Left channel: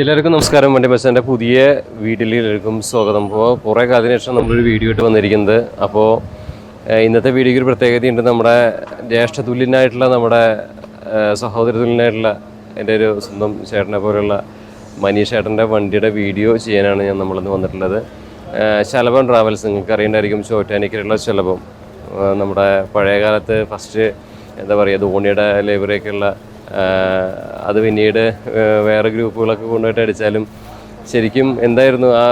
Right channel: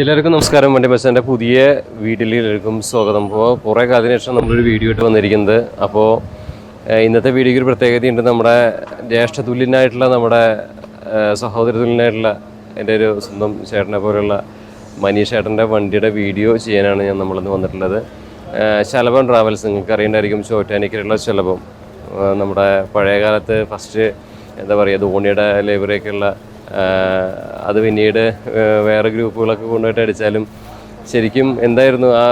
എല്ലാവർക്കും നമസ്കാരം. വണ്ടി ബസ്സിൻ്റെ പുതിയ വീഡിയോയിലേക്കും സ്വാഗതം. അപ്പോൾ കുറേ കാലത്തിന് ശേഷം നമ്മളൊരു വീഡിയോ ഇട്ട് വന്നിരിക്കുന്നത്. അപ്പോൾ ഇന്നത്തെ വീഡിയോയ്ക്ക് ഒരു പ്രത്യേകതയുണ്ട്. നമ്മുടെ ജ്യേഷ്ഠതുല്യനായിട്ടുള്ള നമ്മുടെ സഹോദരതുല്യനായിട്ടുള്ള എൻ്റെ ഒരു സ്വന്തം ചേട്ടനെ പോലെയുള്ള മനീഷ് ചേട്ടൻ്റെ വണ്ടിയുടെ വീഡിയോ ചെയ്യാനാണ് നമ്മളിന്ന് വന്നിട്ടുള്ളത്. ശലഭം ട്രാവൽസ്, നിങ്ങൾക്ക് അറിയേണ്ടായിരിക്കും, ചോറ്റാനിക്കലുള്ള ശലഭം. നമ്മുടെ പഴയ കാലത്ത് ഫസ്റ്റ് എന്താ പറയുക, ധോണിയുടെ ലൈബ്രറിയൊക്കെയുള്ള അത് പിന്നീട് വേറെ ഗ്രൂപ്പുകളൊക്കെ കൊണ്ടുപോയിട്ട് അടിച്ചാലും ശരിക്കും എന്തായിരുന്നു ആ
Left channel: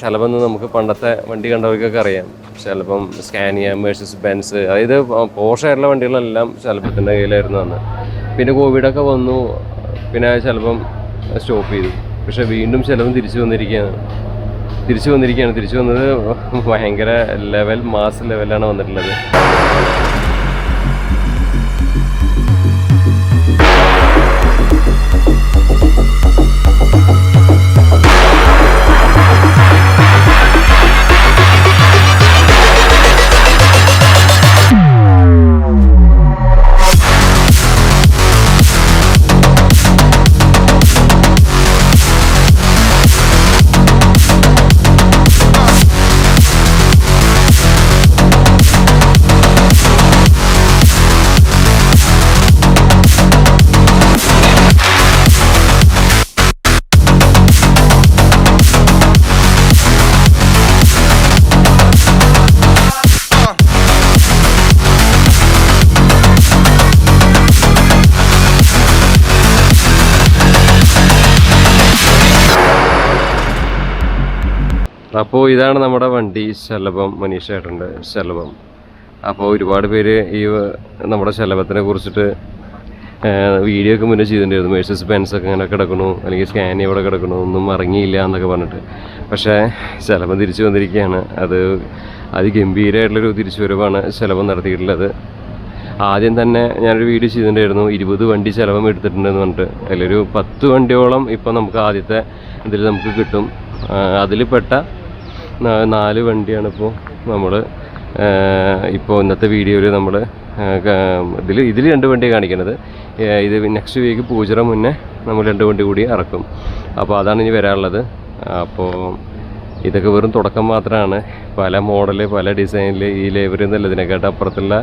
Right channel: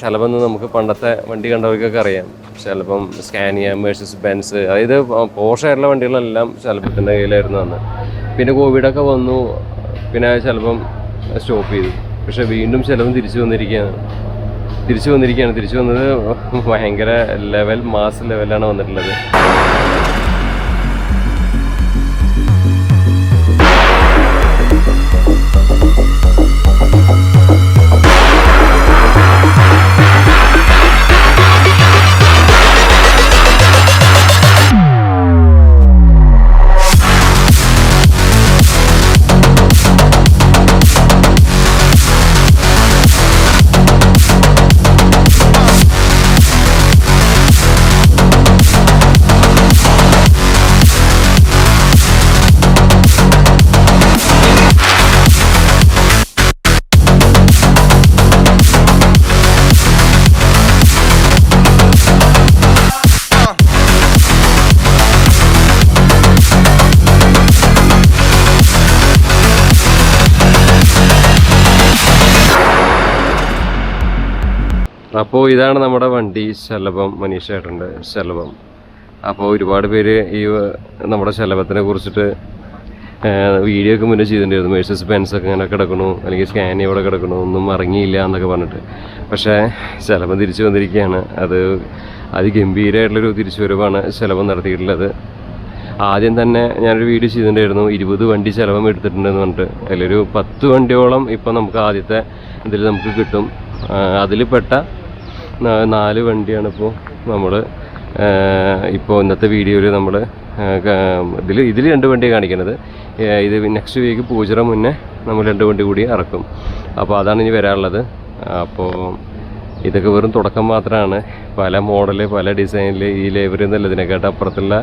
ശലഭം എന്ന് നമുക്ക് പണ്ടത്തെ വണ്ടി കണ്ടവർക്കൊക്കെ അറിയാം. ശലഭം, സ്കാനിയ, മെഴ്സിഡസ് ബെൻസ്, അതായത് പോഷായിട്ടുള്ള വണ്ടികളെല്ലാം ശലഭത്തിൻ്റെ കയ്യിലായിരുന്നു അന്ന്. പിന്നെ കോവിഡൊക്കെ വന്നു, പിന്നെ ശലഭം സ്റ്റോപ്പ് ചെയ്തു. പക്ഷേ വീണ്ടും ശലഭം തിരിച്ചു വന്നിരിക്കുകയാണ്. തിരിച്ചു വന്നത് ഭയങ്കര മാസ് ലെവലാണ് വന്നിട്ടുള്ളത്. അപ്പോൾ ഇതാണ് നമ്മുടെ വണ്ടി ശലഭം, മനീഷ് ചേട്ടൻ്റെ ശലഭം. അപ്പോൾ ഒരുപാട് പേര് ഈ നമ്മുടെ ശലഭത്തിനെ കുറിച്ചിട്ട് വീഡിയോ ഒക്കെ മുന്നേ ചെയ്തിട്ടുണ്ടായിരുന്നു. മെഴ്സിഡസ് ബെൻസൊക്കെ ഇങ്ങനെ കിടക്കണു, അല്ലെങ്കിൽ സ്കാനിയ ഇവിടെ കിടക്കണു, ഒന്നും ഇറങ്ങിയില്ല എന്നൊക്കെ പറഞ്ഞിട്ട്. പക്ഷേ ശലഭം തിരിച്ചു വന്നിരിക്കുകയാണ്. അത് അതിഗംഭീരമായിട്ടുള്ളൊരു തിരിച്ചുവരവാണ് ശലഭം നടത്തിയിട്ടുള്ളത്. ആദ്യം തന്നെ ഞാനൊരു വീഡിയോ ചെയ്തിട്ടുണ്ടായിരുന്നു, 20 വണ്ടി ശലഭം എടുത്തിട്ടുണ്ടെന്ന് പറഞ്ഞിട്ട്. അതിലൊരു 10 വണ്ടിയോളം ഇപ്പോൾ നമുക്ക് ആദ്യത്തെ ഇതിൽ നമുക്ക് കിട്ടും. അതിൽ പെട്ട 4 വണ്ടിയാണ് നമ്മൾ ഇന്നത്തെ വീഡിയോയിൽ നമ്മൾ ഇതിൽ 2 വണ്ടിയാണ് കാണിക്കുന്നത്. ഇത് നെക്സ്റ്റ് വീക്ക് പൂജറ മുന്നേ നമ്മൾ 2 വണ്ടി കൂടി ഇറക്കും. അപ്പോൾ അതാണ് ഇനി വരാനുള്ളത്. അപ്പോൾ ഇതൊക്കെ വെറും തുടക്കം മാത്രമാണ്. പല മോഡല്, പല ഡിസൈനിൽ ഈ ലൈബ്രറി എന്നല്ല, ഇതിനെക്കാട്ട് അപ്പുറത്തുള്ള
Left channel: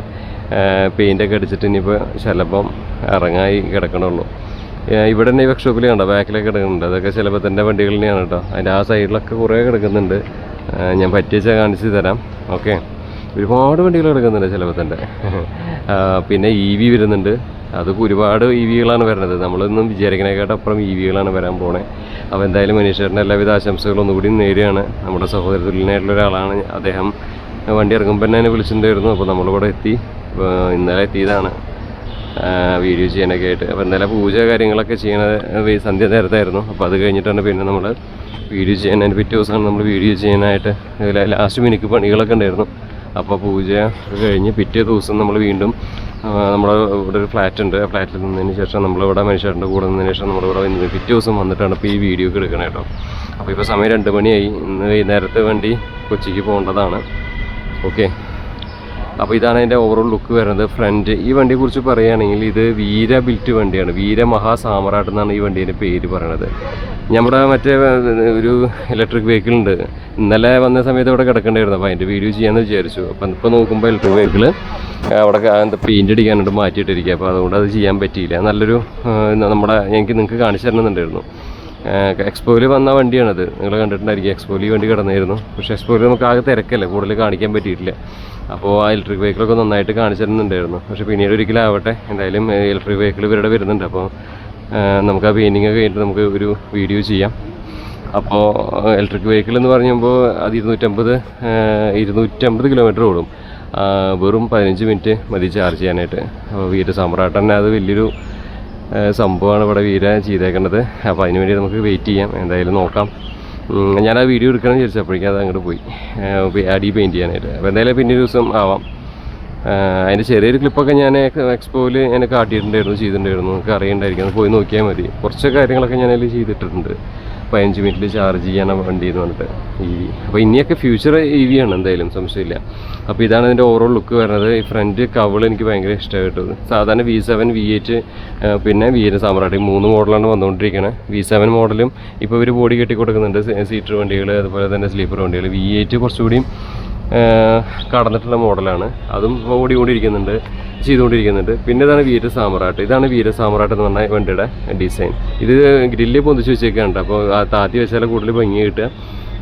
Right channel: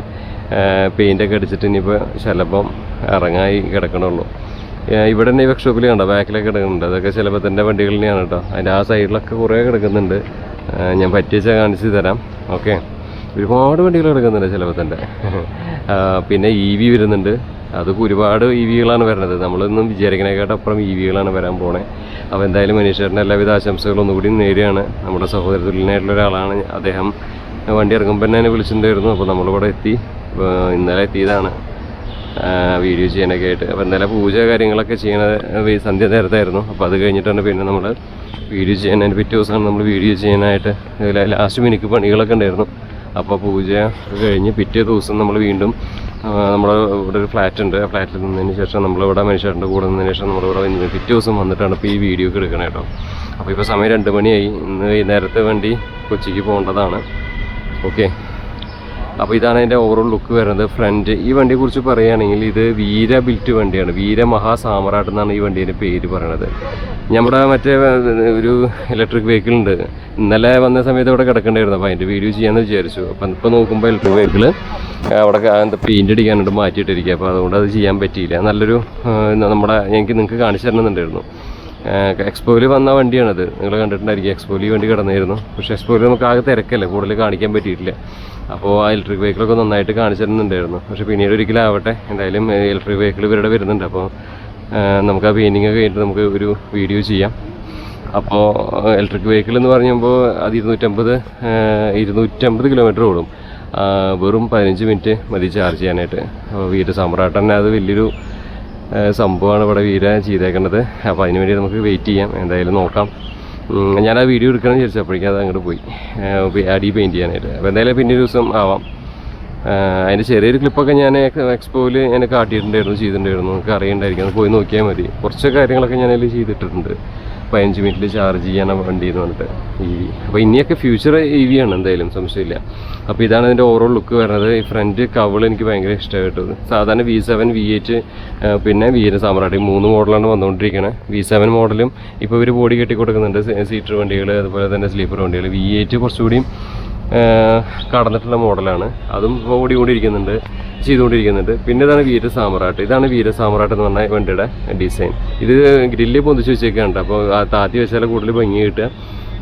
പെയിൻ്റൊക്കെ അടിച്ചിട്ട് ഇനിയിപ്പോൾ ശലഭം ഇറങ്ങായി കിടക്കണുള്ളൂ. ഇവിടെ തന്നെ ഈ വർക്ക്ഷോപ്പിൽ കണ്ടോ, ബാക്കിലൊക്കെ കിടക്കുന്നുണ്ട്. അതൊക്കെ ശലഭത്തിൻ്റെ വണ്ടികൾ തന്നെയാണ് കേട്ടോ. അതിൻ്റെ ആ സൈഡിലൊക്കെ കുറേ കിടക്കുന്നുണ്ട്. ഞാൻ പറ്റിച്ചാൽ കാണിച്ച് തരാം. ഓക്കെ, ഒരുപാട് വണ്ടികൾ കിടക്കുന്നുണ്ട് ശലഭത്തിൻ്റെ. പിന്നെ EV വരുന്നുണ്ട്. അതൊക്കെ ഒരുപാട് EVകളാണ് വരുന്നത്. നമ്മളൊന്നും വിചാരിക്കണേക്കാട്ടപ്പുറം EVകളാണ് വരാൻ പോണേ. അപ്പോൾ എന്തായാലും മനീഷേട്ടൻ്റെ എല്ലാവിധ ആശംസകളും ഒന്നുകൂടി നേരെയാണ്. നമ്മുടെ സഹോദരത്തുല്യനായിട്ടുള്ള ഒരാളാണ് അദ്ദേഹം. വണ്ടി ഇറങ്ങുമ്പോൾ തന്നെ എന്നെ വിളിച്ചിട്ടുണ്ടായിരുന്നു. അപ്പോൾ നമ്മളിവിടെ എത്തി, ഇന്നലെ എത്തിയതാണ് വീഡിയോ ചെയ്യാനൊക്കെ ആയിട്ട്. അപ്പോൾ ഇന്നലെ പൂജ കാര്യങ്ങളൊക്കെ ചെയ്യണത് സന്ധ്യ നേരത്തായിരുന്നു. അപ്പോൾ അത് കഴിഞ്ഞിട്ടാണ് പിന്നെ നമ്മൾ വീഡിയോ ചെയ്യാൻ, അതിന് പിറ്റേ ദിവസമാണ് നമ്മൾ വീഡിയോ ചെയ്യാനായിട്ട്. ലാസ്റ്റ് മിനിക്ക് പണികളൊക്കെ ഉണ്ടായിരുന്നു. അപ്പോൾ പൂജ കഴിഞ്ഞ് പിറ്റേ ദിവസം നമ്മൾ വീണ്ടും നമ്മുടെ ഇവിടെ ഒരു ഫ്ലാറ്റ് ഉണ്ട്. ആ ഫ്ലാറ്റിൽ നിന്നതിന് ശേഷം നമ്മളിവിടെ മനുഷ്യരുടെ കൂടെ നിന്നതിന് ശേഷം നമ്മളിവിടെ പിറ്റേ ദിവസം വന്നിട്ടാണ് ഇപ്പോൾ ഈ വീഡിയോ ഒക്കെ എടുക്കണേ കേട്ടോ. അപ്പോൾ ഇപ്പോൾ സമയം 2 മണിയായി. ഇന്ന് വൈകുന്നേരത്തെ വണ്ടി കൊച്ചിക്ക് പോകേണ്ടതാണ്. ഓക്കെ, അപ്പോൾ ഇതാണ് അതിൻ്റെ ഓവറോൾ ലുക്ക് വരുന്നത്. ഫ്രണ്ട് ഈ വണ്ടിയെക്കുറിച്ച് പറയുകയാണെങ്കിൽ ഇത് വീര ബിൽറ്റ് വണ്ടിയാണ്. വീര മഹാസാമ്രാട്ട് എന്നാണ് ഈ വണ്ടീൻ്റെ പേര് പറയണത്. നമ്മുടെ മറ്റേ ഒരു ഇലക്ട്രിക് വെഹിക്കിൾ ഉണ്ട്. ഇന്നലെ വന്ന സമയത്ത് ഇവിടെ കിടക്കേണ്ടായിരുന്നു. അപ്പോൾ അതിൻ്റെ വീഡിയോ ചെയ്യാമെന്ന് വിചാരിച്ചു. അപ്പം ഇപ്പോൾ നോക്കുമ്പോൾ ഇലക്ട്രിക് വെഹിക്കിൾ അവിടെ പെയിൻ്റ് അടിക്കാനായിട്ട് മാറ്റിയിട്ടിരിക്കുക. അപ്പോൾ അതുകൊണ്ട് അത് ചെയ്യാൻ പറ്റിയില്ല. നല്ലൊരു നിങ്ങൾക്ക് കാണിച്ചു തരണമെന്നുണ്ടായിരുന്നു. എക്സ്പോയിൽ വന്ന വണ്ടിയാണിത്. നിങ്ങൾ കണ്ടിട്ടുണ്ടായിരിക്കും. എക്സ്പോയിൽ ഈ വണ്ടി കിടന്നായിരുന്നു. പക്ഷേ എക്സ്പോയിൽ നമുക്ക് ആകെ തിരക്കല്ലേ, കൂടുതൽ കാണിക്കാൻ പറ്റിയിട്ടില്ല. അപ്പോൾ ആ ഇലക്ട്രിക് വെഹിക്കിളൊക്കെ നന്നായിട്ട് കാണിച്ചു തരുന്നുണ്ടായിരുന്നു. പക്ഷേ പിന്നീട് ഒരിക്കലാവട്ടെ, എന്തായാലും ഇലക്ട്രിക് വെഹിക്കിൾ ഇവരുടെ വരുന്നുണ്ട്. അപ്പോൾ നമുക്ക് ആ പെയിൻറ്റിങ് ഒക്കെ കഴിഞ്ഞിട്ട് നമുക്ക് ഒരു വീഡിയോ ചെയ്യാം. അപ്പോൾ ഇലക്ട്രിക് വെഹിക്കിൾ എന്ന് പറയുമ്പോൾ അത് 250 കിലോമീറ്റർ ഓടും. വെറും 15 മിനിറ്റ് മതി ചാർജ് ചെയ്യാനായിട്ട്. അപ്പോൾ വീര സമ്രാട്ട് തന്നെ അത് വലിയൊരു സംഭവമാണ് ഇവിടെ വീര ചെയ്തേക്കേണ്ടത്. അപ്പോൾ അതിന് വേണ്ടി നമുക്ക് വെയിറ്റ് ചെയ്യാം. എന്തായാലും നോക്കാം. ഞാൻ ആ വീഡിയോ എടുക്കണമെന്ന് വിചാരിച്ചപ്പോഴേക്കും അത് അങ്ങോട്ട് പോയി അടി പെയിൻറ്റ് ചെയ്യാനായിട്ട്. അപ്പോൾ എന്തായാലും പിന്നെ ഒരു ദിവസം ആവാം. അതിൻ്റെ ചെറിയൊരു ക്ലിപ്പൊക്കെ ഞാൻ എക്സ്പോയിൽ ഞാൻ കാട്ടിയിട്ടുണ്ടായിരുന്നു, ചെയ്തിട്ടുണ്ടായിരുന്നു. നമുക്ക് അറിയണ്ടായിരിക്കും, അത് പോയി നോക്കിയാൽ മതി. കുറച്ച് കാര്യങ്ങളൊക്കെ ഞാനതിൽ ചെയ്തിട്ടുണ്ട്. 15 മിനിറ്റിൽ ചാർജ് ചെയ്യാൻ വണ്ടി എന്ന് പറഞ്ഞിട്ട് EV. അപ്പോൾ ഇനിയൊക്കെ ഫ്യൂച്ചർ EV ആണ് എന്തായാലും, സംശയമില്ല. അപ്പോൾ ഇതാണ് ഇതിൻ്റെ ഓവറോൾ ലുക്ക് വരുന്നത്. ഈ ഫ്രണ്ട് കവൾ എനിക്ക് ഭയങ്കര ഇഷ്ടമായിട്ടത്. സാധാരണ V7, V8 പിന്നെ വീര സാമ്രാട്ട് 3 മോഡലാണ് വന്നുകൊണ്ടിരിക്കുന്നത്. V7 മോഡലും ഇപ്പോൾ ഇവർ ബോഡി കെട്ടി കൊടുക്കുന്നുണ്ട്, സീറ്റർ വണ്ടികൾ അതുപോലെ തന്നെ സ്ലീപ്പർ വണ്ടികൾ. V8 കുറച്ചുകൂടിയും കടന്നിട്ടുള്ള മോഡലാണ്, അതും ഓടിക്കൊണ്ടിരിക്കുന്നുണ്ട്, ചെയ്തുകൊണ്ടിരിക്കുന്നുണ്ട്. പിന്നെ ഇതാണ് വീര സാമ്രാട്ട്. ഇതാണ് വീര സാമ്രാട്ട് എന്ന് പറഞ്ഞ വണ്ടിയുടെ ഡിസൈൻ. ഇത് ഗ്രില്ല് പൊന്തിച്ച് വെച്ചേക്കാണ്, അപ്പോൾ താത്തി വെച്ചാൽ കൂടുതൽ ഭംഗി കിട്ടുക.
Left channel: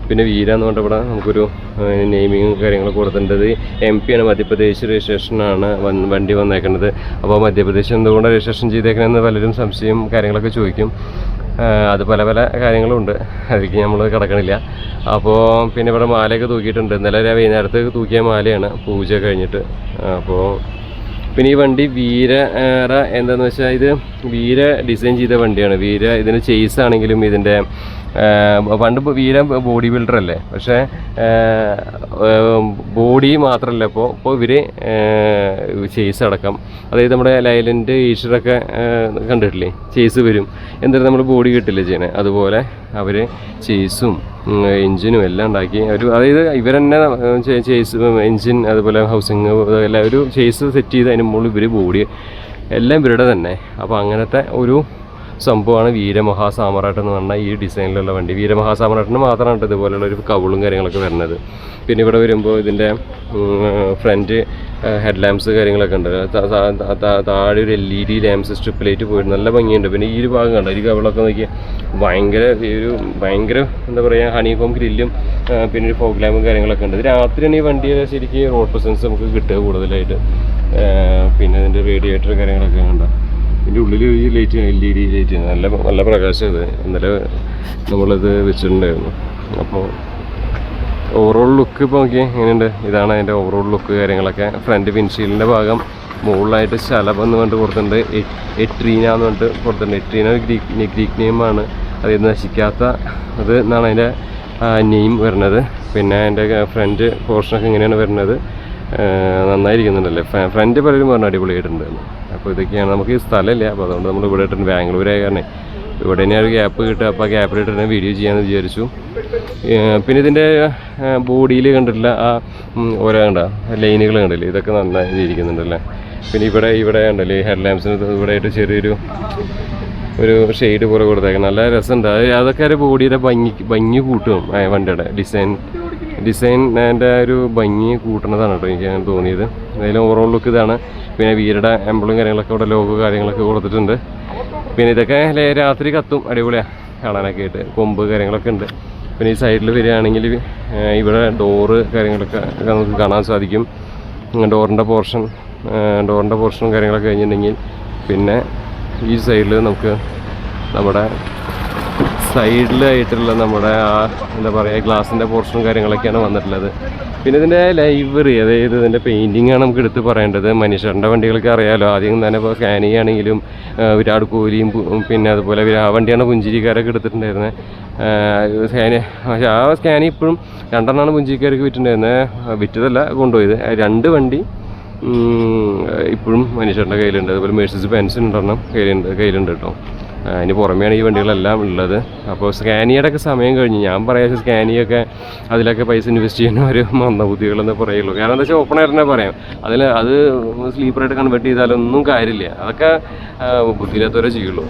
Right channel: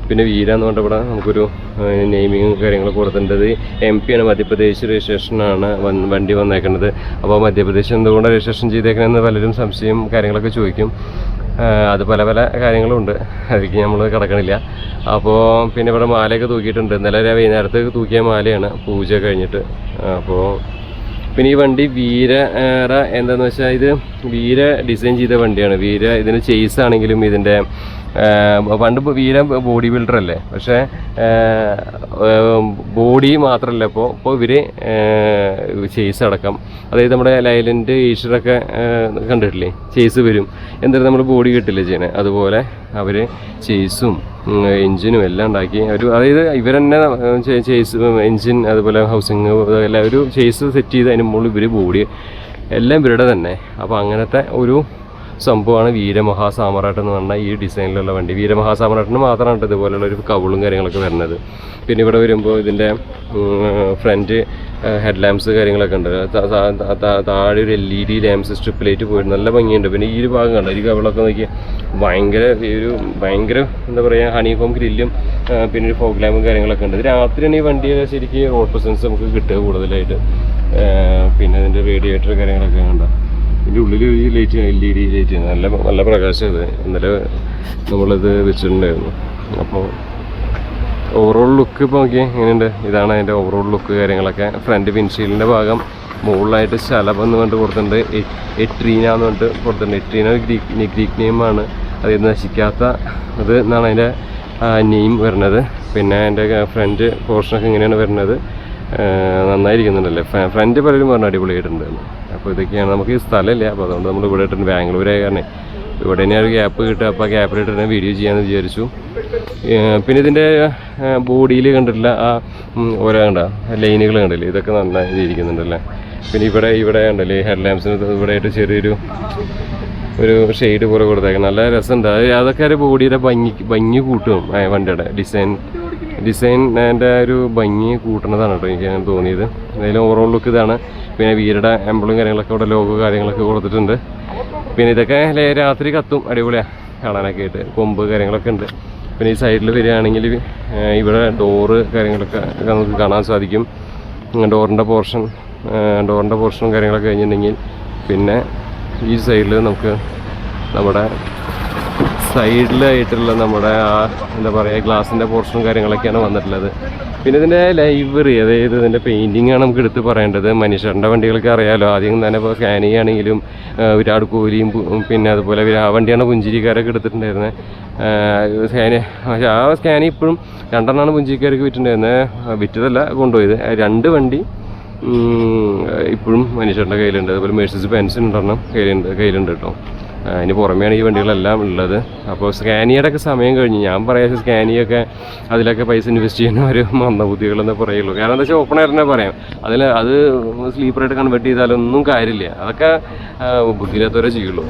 പിന്നെ വീര എന്ന് പറഞ്ഞാൽ ഇവിടെ നമുക്കൊരു നെയിമിങ്ങും കാര്യങ്ങളൊക്കെ കൊടുത്തിട്ടുണ്ട്. MP ആണ്, മധ്യപ്രദേശ് രജിസ്ട്രേഷനാണ് വണ്ടി വന്നേക്കുന്നത്. അപ്പോൾ മധ്യപ്രദേശ് എന്തുകൊണ്ട് രജിസ്ട്രേഷൻ ചെയ്തേക്കണമെന്ന് പലരും സംശയം കാര്യങ്ങളൊക്കെ ചോദിക്കും. അത് പല പല കാര്യങ്ങളുണ്ട്, അതിലേക്ക് നമ്മൾ കിടക്കണില്ല. അപ്പോൾ പിന്നെ ഇവിടെ മാലയൊക്കെ തൂക്കിയിട്ടുണ്ട്. ഇന്നലെ വൈകുന്നേരത്ത് തൂക്കിയ മാലയാണ് പൂജ കഴിഞ്ഞിട്ട്. അപ്പോൾ പിന്നെ ഈ വണ്ടി വീര എന്താണെന്ന് വെച്ചാൽ ഇത് വീര ഡിസൈൻ ചെയ്ത വണ്ടിയാണ്. വീര ഇതിന് ചേസ് ആണെങ്കിലും ഇതിൻ്റെ പണ്ട് വീര ബോഡി ബിൽഡർ അല്ലേ, പക്ഷേ ബോഡി മാത്രമല്ല ഇപ്പോൾ ഇവർ ചേസ് അടക്കം, അതായത് നമ്മുടെ ലൈലൻഡ് ഈശ്വരൊക്കെ കണ്ടിട്ടില്ലേ, ചേസ് വരും. എന്തായാലും നമ്മൾ ബോഡി കിട്ടില്ല ചെയ്യണേ, അതുപോലെ അവർ ചേസും എൻജിനും എല്ലാം ഉണ്ടാക്കി അതായത് ഇവർ തന്നെ ചേസ് എൻജിൻ അതുപോലെ ഹൗസിങ് എല്ലാം ഒരു ചേസ് സെറ്റ് ചെയ്ത് അതിന് മുകളിൽ ഇവർ ബോഡി എല്ലാം ഇവരുടെ തന്നെ. അപ്പോൾ അങ്ങനത്തെ ഒരു സംഭവമാണ് വീരമഹാസാമ്രാട്ട് എന്ന് പറഞ്ഞാൽ ഈ ഡിസൈനിലുള്ള വണ്ടി. വീരമഹാസാമ്രാട്ടിന് മാത്രമാണ് ഇതുപോലെയുള്ള ഒരു കവളും കാര്യങ്ങളൊക്കെ വരുന്നത്. പിന്നെ ഇവിടെ വരുമ്പോൾ ഇതിൻ്റെ ഫ്രണ്ട് ഹെഡ് ലാമ്പ്സ് കാര്യങ്ങളൊക്കെ ഉണ്ട്. താഴെ ഒരു LED ലാമ്പ്സ് സ്ട്രിപ്പ് ലൈറ്റ് പോയിട്ട് നല്ല ഭംഗിയുണ്ട്. പിന്നെ ഈ ഒരു ഭാഗം കണ്ടോ, ഈ കവളൊക്കെ നോക്കി ഭയങ്കര എന്താ പറയുക, ഹണികോം ഗ്രില്ലും പിന്നെ ഒരു ഫോഗ് ലാമ്പും കാര്യങ്ങളൊക്കെ ഉണ്ട്. ഇത് രാത്രിയാണ് ഈ വണ്ടിയുടെ ശരിക്കും റോഡ് പ്രസൻസ് നമുക്ക് കിട്ടുക കൂടുതലായിട്ട്. പിന്നെ ഇതിൻ്റെ റേഡിയേറ്റർ കാര്യങ്ങളൊക്കെ ഉണ്ടോ, ഇതിൻ്റെ ഉള്ളിൽ ഈ ലൈറ്റ് LED ലൈറ്റ് നല്ല പ്രകാശം. ഇത് ഇന്നലെ നമ്മളിത് വെച്ചിട്ടുണ്ടായിരുന്നു. അപ്പോൾ ഓവറോൾ ലുക്ക് ഇപ്പോൾ നോക്കി എങ്ങനെയുണ്ട്, ഇതാണ് അതിൻ്റെ ഓവറോൾ ലുക്ക് കാര്യങ്ങളൊക്കെ. ഫ്രണ്ട് വിൻഷീൽഡിൻ്റെ ഭാഗം മുകളിലായിട്ട് ശലഭം എന്ന് പറഞ്ഞിട്ട് കൊടുത്തിട്ടുണ്ട്, എട്രീന എന്ന് പറഞ്ഞിട്ട് കൊടുത്തിട്ടുണ്ട്. എട്രീന ഗ്രീക്ക് നെയിമാണ്, അതായത് നശിക്കാത്ത അത് എന്നാണ് അതിൻ്റെ നെയിം വരുന്നത്. പിന്നെ അതിൻ്റെ ഫ്രണ്ട് പോർഷനൊക്കെ ഇങ്ങനെയാണ് വരുന്നത്, നന്നായിരിക്കുന്നുണ്ടല്ലേ. ഫ്രണ്ട് പലരും പറഞ്ഞ അടിപൊളിയായിട്ടുണ്ട്. അപ്പോൾ ഇതൊക്കെയാണ്, നമുക്ക് ഈ സ്ഥലമില്ല, അപ്പോൾ അതുകൊണ്ട് നമ്മൾ ഇവിടെ ഇട്ടിട്ടുണ്ട്. ബാംഗ്ലൂരായ കാരണം ഇവിടെ തന്നെ ഒരു ഗ്യാപ്പ് കിട്ടുക, അപ്പോൾ ആ ഗ്യാപ്പിലിട്ട് തന്നെ വീഡിയോ ചെയ്യാമെന്ന് വിചാരിച്ചു. പിന്നെ ഇതിൻ്റെ ബോഡിയിൽ കണ്ടിട്ടില്ല ആ ഓരോ കണ്ട ലൈനുകൾ കണ്ടില്ലേ, ഇതൊക്കെ നന്നായി ഇരിക്കുന്നുണ്ടല്ലേ. പിന്നെ ഇവിടെ ഉണ്ടല്ലേ ഹെഡ് ലാമ്പ്സിന് ഇവിടെ ആയിട്ട് ചെറിയൊരു ഷെയ്ഡ് പോലെ കൊടുത്തേക്കാം, നല്ല രസമുണ്ട്. അതൊക്കെ ഒരു ബോഡിയുടെ ഭംഗി കൂട്ടും വണ്ടിയുടെ ഡിസൈൻ അതിൻ്റെ ഒരു ഭംഗി കൂട്ടുന്നതാണ് കേട്ടോ എനിക്ക് തോന്നിയത്. അതിൽ ഓവറോൾ ലുക്ക് ഇതാണ്. പിന്നെ വീരുടെ എംബ്ലം കാര്യങ്ങളൊക്കെ ഇവിടെ ലോഗോ കാര്യങ്ങളൊക്കെ കൊടുത്തിട്ടുണ്ട്. പിന്നെ ഇതൊക്കെ രാത്രി കത്തും, അടിപൊളിയാണ് കാണാനൊക്കെ ആയിട്ട്. കൊമ്പ് കാര്യങ്ങളൊക്കെ ഉണ്ട്. പിന്നെ ഈ സൈഡിൽ വരികയാണെങ്കിൽ ഇവിടെ ഡോറ് കാര്യങ്ങളൊക്കെ നമുക്ക് കാണാൻ സാധിക്കും. ഡോറിൻ്റെ പോർഷനും കാര്യങ്ങളൊക്കെ കഴിഞ്ഞിട്ടുണ്ടെങ്കിൽ പിന്നെ ഈ സൈഡിൽ നമുക്ക് നമ്മുടെ സൈഡിലായിട്ടുള്ള നമ്മുടെ ആ എന്താ പറയുക ഗ്ലാസിൻ്റെ പോർഷനും കാര്യങ്ങളൊക്കെയാണ് വന്നിട്ടുള്ളത്. പിന്നെ ഇതിൻ്റെ ലൈവറി, അതായത് ഇതിൻ്റെ പെയിൻറ്റിങ്ങാണ് നമുക്ക് എടുത്ത് പറയേണ്ടത്. മനീഷേട്ടൻ്റെ വണ്ടികൾക്ക് അറിയാമല്ലോ, ആദ്യം തന്നെ ഇപ്പോൾ സ്കാനി ആണെങ്കിലും വിരാട് കോഹ്ലിയും പിന്നെ അതുപോലെ ആ വണ്ടിയാണ് പുഞ്ചിരിക്കാരൊക്കെ എടുത്തിട്ടുണ്ടായിരുന്നത്. പക്ഷേ ആ സ്കാനി ഇപ്പോഴും 2 പുഞ്ചിരിക്കാർക്ക് വിറ്റിട്ടുണ്ടായിരുന്നത്, വിറ്റതല്ല കൊണ്ടുപോയത്. 2 വണ്ടി ഇപ്പോഴും മനീഷേട്ടൻ്റെ കയ്യിലുണ്ട്. അതുപോലെ മെഴ്സീസ് ബെൻസ് 2 കയ്യിലുണ്ട് കേട്ടോ. അതിന് പുറമെയാണ് ഈ വണ്ടികളെല്ലാം ഉള്ളത്. അപ്പോൾ സ്കാനിയുടെ ഒക്കെ സമയം കഴിഞ്ഞു. ഞാൻ പറയാം സ്കാനിയൊക്കെ അതിലൊക്കെ പൈസ ഇൻവെസ്റ്റ് ചെയ്യുന്ന ഒരു മന്ദബുദ്ധികളെന്ന് പറയുള്ളൂ. കാരണം എന്താ വെച്ചാൽ ഓപ്പൺ എയറിനെ പറയാം, അത് സ്ലീപ്പറായിട്ട് കൺവേർട്ട് ചെയ്താലൊന്നും കാര്യമില്ല. അതൊക്കെ ബുദ്ധിയില്ലാത്തവരെ ചെയ്യുള്ളൂ.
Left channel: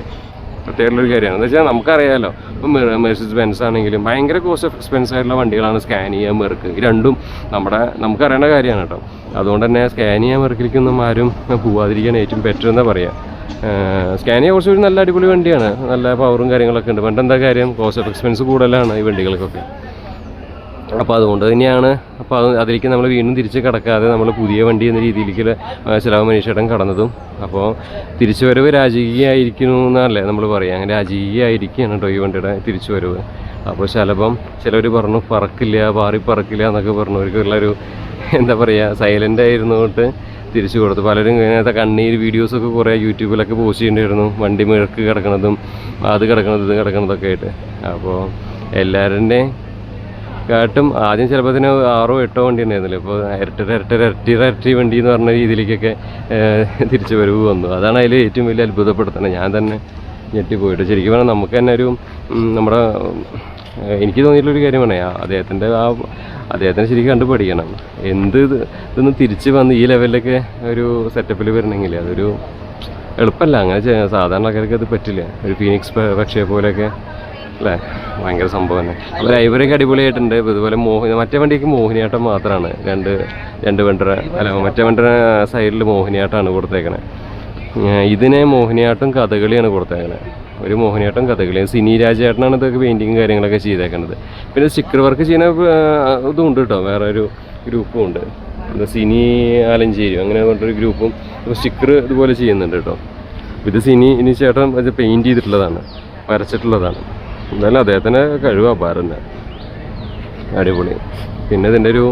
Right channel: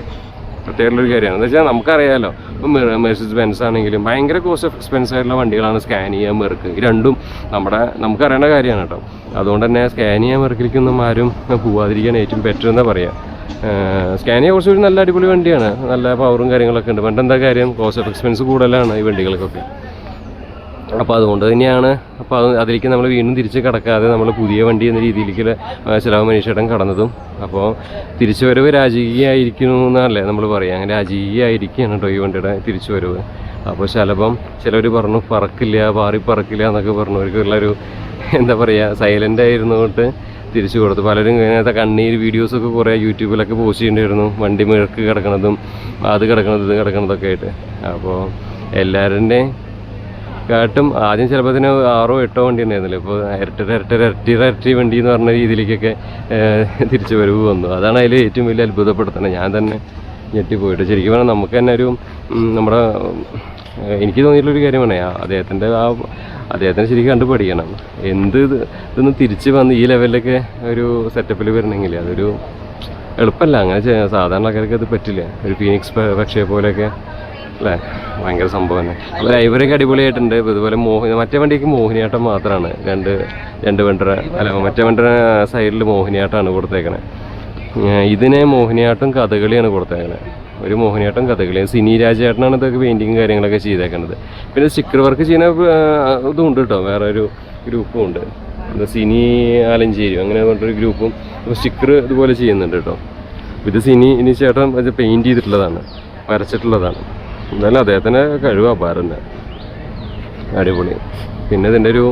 പ്രത്യേകമുള്ളൊരു കാര്യമാണ്. എന്താ വെച്ചാൽ നമുക്കറിയാമല്ലോ, ഇപ്പം മെഴ്സീസ് ബെൻസ് ആണെങ്കിലും ഭയങ്കര കോസ്റ്റ് ഓഫ് എക്സ്പെൻസ് ആയിട്ടുള്ള വണ്ടികളാണ് സ്കാനിയ, മെർക്ക്. ഈ രണ്ടും നമുക്കറിയേണ്ട കാര്യമാണ് കേട്ടോ. അതുകൊണ്ട് തന്നെ സ്കാനിയ, മെർക്കിലേക്കൊന്നും ആരും പോവാതിരിക്കാൻ ഏറ്റവും ബെറ്റർ എന്നാ പറയാം. സ്കാനിയ കുറച്ചൊരു നല്ല അടിപൊളി വണ്ടിയാണ്, നല്ല പവറും കാര്യങ്ങളൊക്കെ ഉണ്ട്. പണ്ട് എന്താ കാര്യം, കോസ്റ്റ് ഓഫ് എക്സ്പെൻസ് കൂടുതലാണ് ഈ വണ്ടികൾക്കൊക്കെ. അപ്പോൾ അതുകൊണ്ട് തന്നെയാണ് അതിലേക്ക് നമ്മൾ വീണ്ടും തിരിച്ച് കിടക്കാതെ നമ്മൾ പുതിയ വണ്ടി എന്ന രീതിയിലേക്ക് ചിലവ് മനീഷേട്ടൻ കടന്നതും. അപ്പോൾ തിരിച്ചു വരവ് രാജകീയമായിരിക്കണമെന്നല്ലേ നമ്മൾ പറയാം, രാജകീയമായിരിക്കുകയാണ് കേട്ടോ ഈ വണ്ടിയുടെ തിരിച്ചു വരവ്. അപ്പോൾ ശലഭം ചിലവർ പറഞ്ഞു പറക്കില്ല എന്നൊക്കെ പറഞ്ഞവർക്കുള്ളൊരു എന്താ പറയുക, സൈലൻ്റ് ആയിരുന്നോട്ട് തിരിച്ചു കൊടുത്തു. പലരും ഇങ്ങനത്തെ കണ്ണീർ വീഡിയോസൊക്കെ കുറേ യൂട്യൂബിലൊക്കെ പോസ്റ്റ് ചെയ്യേണ്ടിയിരുന്നു, വണ്ടി മിഴക്ക് കിടക്കണതും ഇത് കിടക്കണതൊക്കെ ആയിട്ട്. അപ്പോൾ എല്ലാവരുടെയും കാട്ടും ആദ്യം ചിലപ്പോൾ അതിന് 6-8 വണ്ടി ഉണ്ടായിരുന്നില്ല, ഇപ്പോൾ ഇരട്ടി വണ്ടി എന്ന് പറഞ്ഞ രീതിയിലേക്കൊക്കെ തിരിച്ചു വരവ് വന്നു. അതാണ് അതിൽ ഏറ്റവും വലിയ അത്ഭുതപ്പെടുത്തുന്നത്. ഞാൻ തന്നെ ഞെട്ടിപ്പോയിട്ട് ശരിക്കും പറഞ്ഞാൽ നമുക്ക് തന്നെ ഒരു നമ്മുടെ എനിക്ക് തോന്നിയിട്ടുള്ളൊരു കാര്യമാണ് അദ്ദേഹത്തിൻ്റെ ശരിക്കും കണ്ടു പഠിക്കണം. ഇതൊന്ന് തിരിച്ച് വന്ന് ഈ ലെവലിലൊക്കെ ഒരു സെറ്റപ്പിൽ വരണമെങ്കിൽ അതൊരു എളുപ്പമല്ല. അങ്ങനെ സാധാരണ ആൾക്കാർക്ക് ഇത് പറ്റില്ല. ഒരു ഫീനിക്സ് പക്ഷിയെ പോലെയൊക്കെ അല്ലേ, ഭയങ്കര സംഭവമാണ്. അപ്പോൾ ഡ്രൈവറൊക്കെ അടിപൊളിയായിട്ടുണ്ട്. ഇതുപോലെ മറ്റേ വണ്ടിക്ക് മോഹിനിയാട്ടം മാത്രമാണ്, രണ്ട് വണ്ടര അല്ല മറ്റേ വണ്ടര സൈഡിൽ മോഹിനിയാട്ടമാണ് കൊടുത്തേക്കണേ. ഇതിനെ മോഹിനിയാട്ടം കഥകളിയാണ് കൊടുത്തേക്കണേ. ഒരു മോഹിനിയാട്ടം കഥകളി. സിനി രാജേട്ടനാണ് ഇതൊക്കെ പെയിൻറ്റിങ് കാര്യങ്ങളൊക്കെ ചെയ്തേക്കുന്നത്. പിന്നെ സ്റ്റിക്കർ വർക്ക് ചെയ്യുന്ന ഇതും ഉണ്ട് കേട്ടോ, വേറെ ഒരു ഗ്രൂപ്പും ഉണ്ട്, സിനി ആലഞ്ചേരി അങ്ങനെ പറഞ്ഞൊരു ഗ്രൂപ്പും സ്റ്റിക്കർ ഇതുപോലെ ചെയ്യുന്നുണ്ട് കേട്ടോ. ഇത് സിനി ചേട്ടൻ ഇത് പെയിൻറ്റ് ചെയ്തിട്ടുള്ളതാണ്, വരച്ചിട്ടുള്ളതാണ്. എന്തായാലും അദ്ദേഹത്തിൻ്റെ കഴിവ് അപാരം, അടിപൊളി. പിന്നെ ഇതിൻ്റെ ഒരു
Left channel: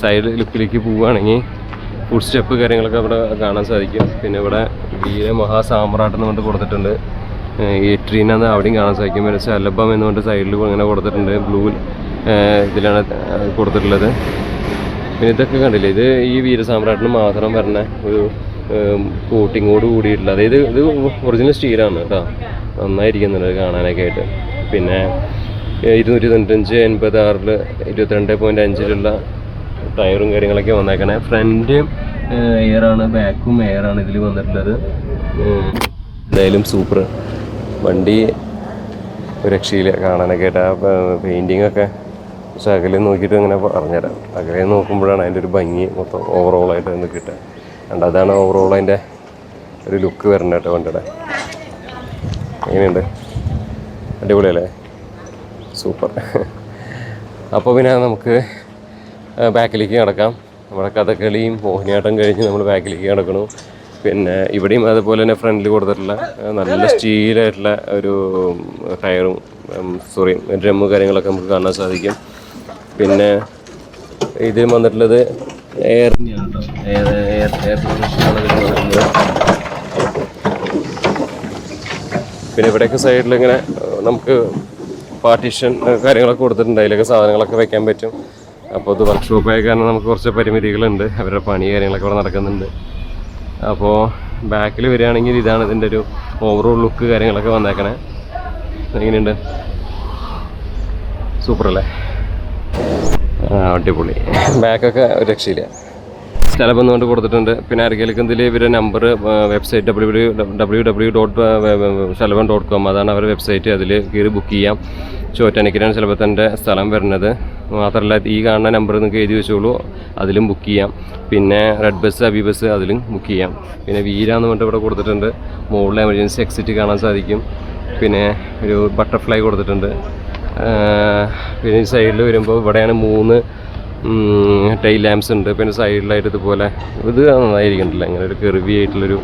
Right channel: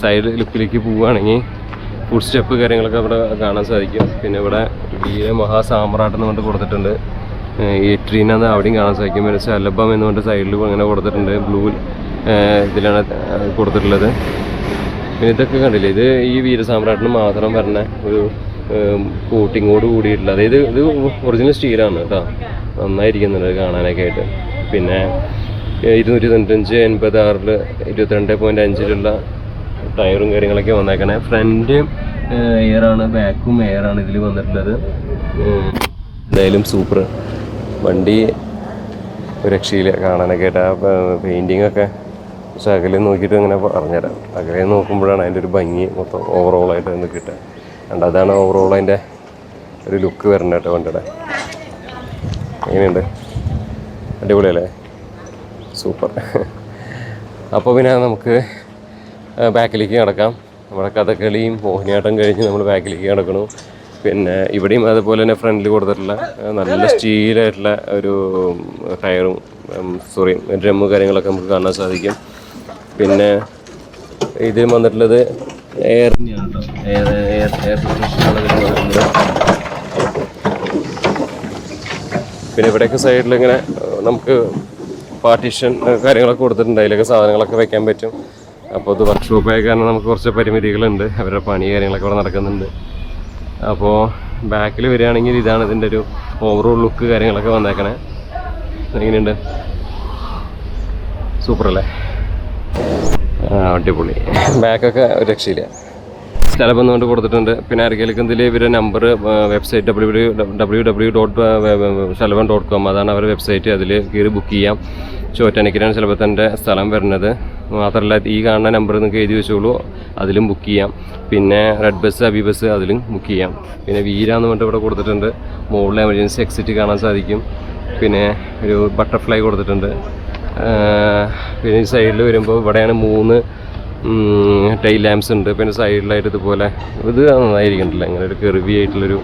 സൈഡ് ലുക്കിലേക്ക് പോവുകയാണെങ്കിൽ ഫുഡ് സ്റ്റെപ്പ് കാര്യങ്ങളൊക്കെ അവിടെ കാണാൻ സാധിക്കും. പിന്നെ ഇവിടെ വീര മഹാസാമ്രാട്ട് കൊണ്ട് കൊടുത്തിട്ടുണ്ട്. ഏട്രീനാന്ന് അവിടെയും കാണാൻ സാധിക്കും. പിന്നെ ശലഭം എന്ന് പറഞ്ഞിട്ട് സൈഡിൽ അങ്ങനെ കൊടുത്തിട്ടുണ്ട്, ബ്ലൂ ഇതിലാണ് കൊടുത്തിട്ടുള്ളത്. പിന്നെ ഇതൊക്കെ കണ്ടില്ലേ, ഇത് ഈ വീരസാമ്രാട്ടിന് മാത്രം വരുന്ന ഒരു കോട്ടിങ്ങോട് കൂടിയിട്ടുള്ള, അതായത് ഇത് ഒറിജിനൽ സ്റ്റീലാണ് കേട്ടോ, നന്നായിരിക്കുന്നുണ്ട് കാണാനൊക്കെ ആയിട്ട്. പിന്നെ 295/86 22.5 ടയറും കാര്യങ്ങളൊക്കെ വന്നേക്കണേ. ഫ്രണ്ട് എയറാണ്, ബാക്കും എയറാണ് ഇതിൽ വന്നിട്ടുള്ളത്. എന്തായാലും സൂപ്പർ വണ്ടി, ഒരു രക്ഷയില്ല കാണാനൊക്കെ ആയിട്ട്. ആ പെയിൻറ്റിങ്ങൊക്കെ പക്ഷെ അകലെ നോക്കിയിട്ട് അങ്ങനെ പറഞ്ഞുതരാം. അകലെ നോക്കുമ്പോഴാണ് അതിൻ്റെ ഒരു ഭംഗി മൊത്തം ഓവറോളായിട്ട് ഒന്ന് കിട്ടുക. കണ്ട അതാണ് ഓവറോൾ അതിൻ്റെ ഒരു ലുക്ക് വരണ്ട കേട്ടോ വണ്ടിയുടെ. എങ്ങനെയുണ്ട്, അടിപൊളിയല്ലേ, സൂപ്പർ. അപ്പോൾ പിന്നെ നമുക്ക് ബാക്കിലേക്ക് കിടക്കാം. നമ്മുടെ കഥകളിയും മോഹിനിയാട്ടം കഴിഞ്ഞ് നമ്മൾ ബാക്കിലേക്ക് കിടക്കണു. പിന്നെ ഇവിടെയും അതുപോലെ തന്നെ ഫ്രണ്ടിൽ കൊടുത്തിട്ടുള്ള നല്ല സ്റ്റീലായിട്ടുള്ള ഒരു ടയറും ഡ്രമ്മ് കാര്യങ്ങളൊക്കെ നമുക്ക് കാണാൻ സാധിക്കും. പിന്നെ ഇതിൽ വന്നിട്ടുള്ളത് എയർ തന്നെയാണ് കേട്ടോ, എയർ പിന്നെ ഇവിടെയൊക്കെ സൈഡിൽ ഇങ്ങനെ നമുക്ക് പാർട്ടീഷൻ കാര്യങ്ങളൊക്കെ കൊടുത്തിട്ടുണ്ട്, അതിലൊക്കെ സാധനങ്ങളൊക്കെ വെക്കാൻ പറ്റും. അപ്പോൾ ഇത് വർക്ക്ഷോപ്പായ കാരണം നമുക്ക് കുറച്ച് പരിമിതികളുണ്ട്, അവരുടെ പണി കാര്യങ്ങളൊക്കെ ഇവിടെ നടക്കുന്നുണ്ട്. അപ്പോൾ ബാക്കിൽ വരികയാണെങ്കിൽ ഇതാണ് ഇതിൻ്റെ ഒരു ഓവറോൾ ലുക്ക് കാര്യങ്ങളൊക്കെ വന്നേക്കണേ. എങ്ങനെയുണ്ട്, സൂപ്പറല്ലേ, അടിപൊളി. ബാക്കൊക്കെ ഒരു രക്ഷയില്ല. സ്ഥലം കൊണ്ട് കൊടുത്തിട്ടുണ്ട്. പിന്നെ ആർക്കെങ്കിലും ഇവരുടെ നമ്പർ വെബ്സൈറ്റ് www.shalvan.com അതാണ് അവരുടെ വെബ്സൈറ്റ്. അതിൽ കയറി ബുക്ക് ചെയ്യാം. ചോറ്റാനിക്കലാണ് ശലഭത്തിൻ്റെ സ്ഥലം വരുന്നത്. മാത്രമല്ല ഈ കാണുന്ന നമ്പർ നിങ്ങൾക്ക് എഴുതി വെച്ചോളൂ, അതിലും ബുക്ക് ചെയ്യാം. പിന്നെ റെഡ് ബസ്, അബി ബസ് അതിലും ബുക്ക് ചെയ്യാം. പിന്നെ വീരാന്ന് പറഞ്ഞിട്ട് ഇവിടെ കൊടുത്തിട്ടുണ്ട്. മുകളിൽ എമർജൻസി എക്സിറ്റ് കാണാൻ സാധിക്കും. പിന്നെ ഒരു ബട്ടർഫ്ലൈ കൊടുത്തിട്ടുണ്ട്. പിന്നെ ഈ സൈഡിൽ വരുമ്പോൾ ഇവിടെയാണ് 3 ടൈൽ ലാംപ്സ് ഉണ്ട്. പിന്നെ സൈഡിലായിട്ട് ഇതുപോലെ ഇത് നന്നായിരിക്കണ്ടല്ലോ, ഇങ്ങനെ ഒരു കെർവി ആയിട്ടുള്ളൊരു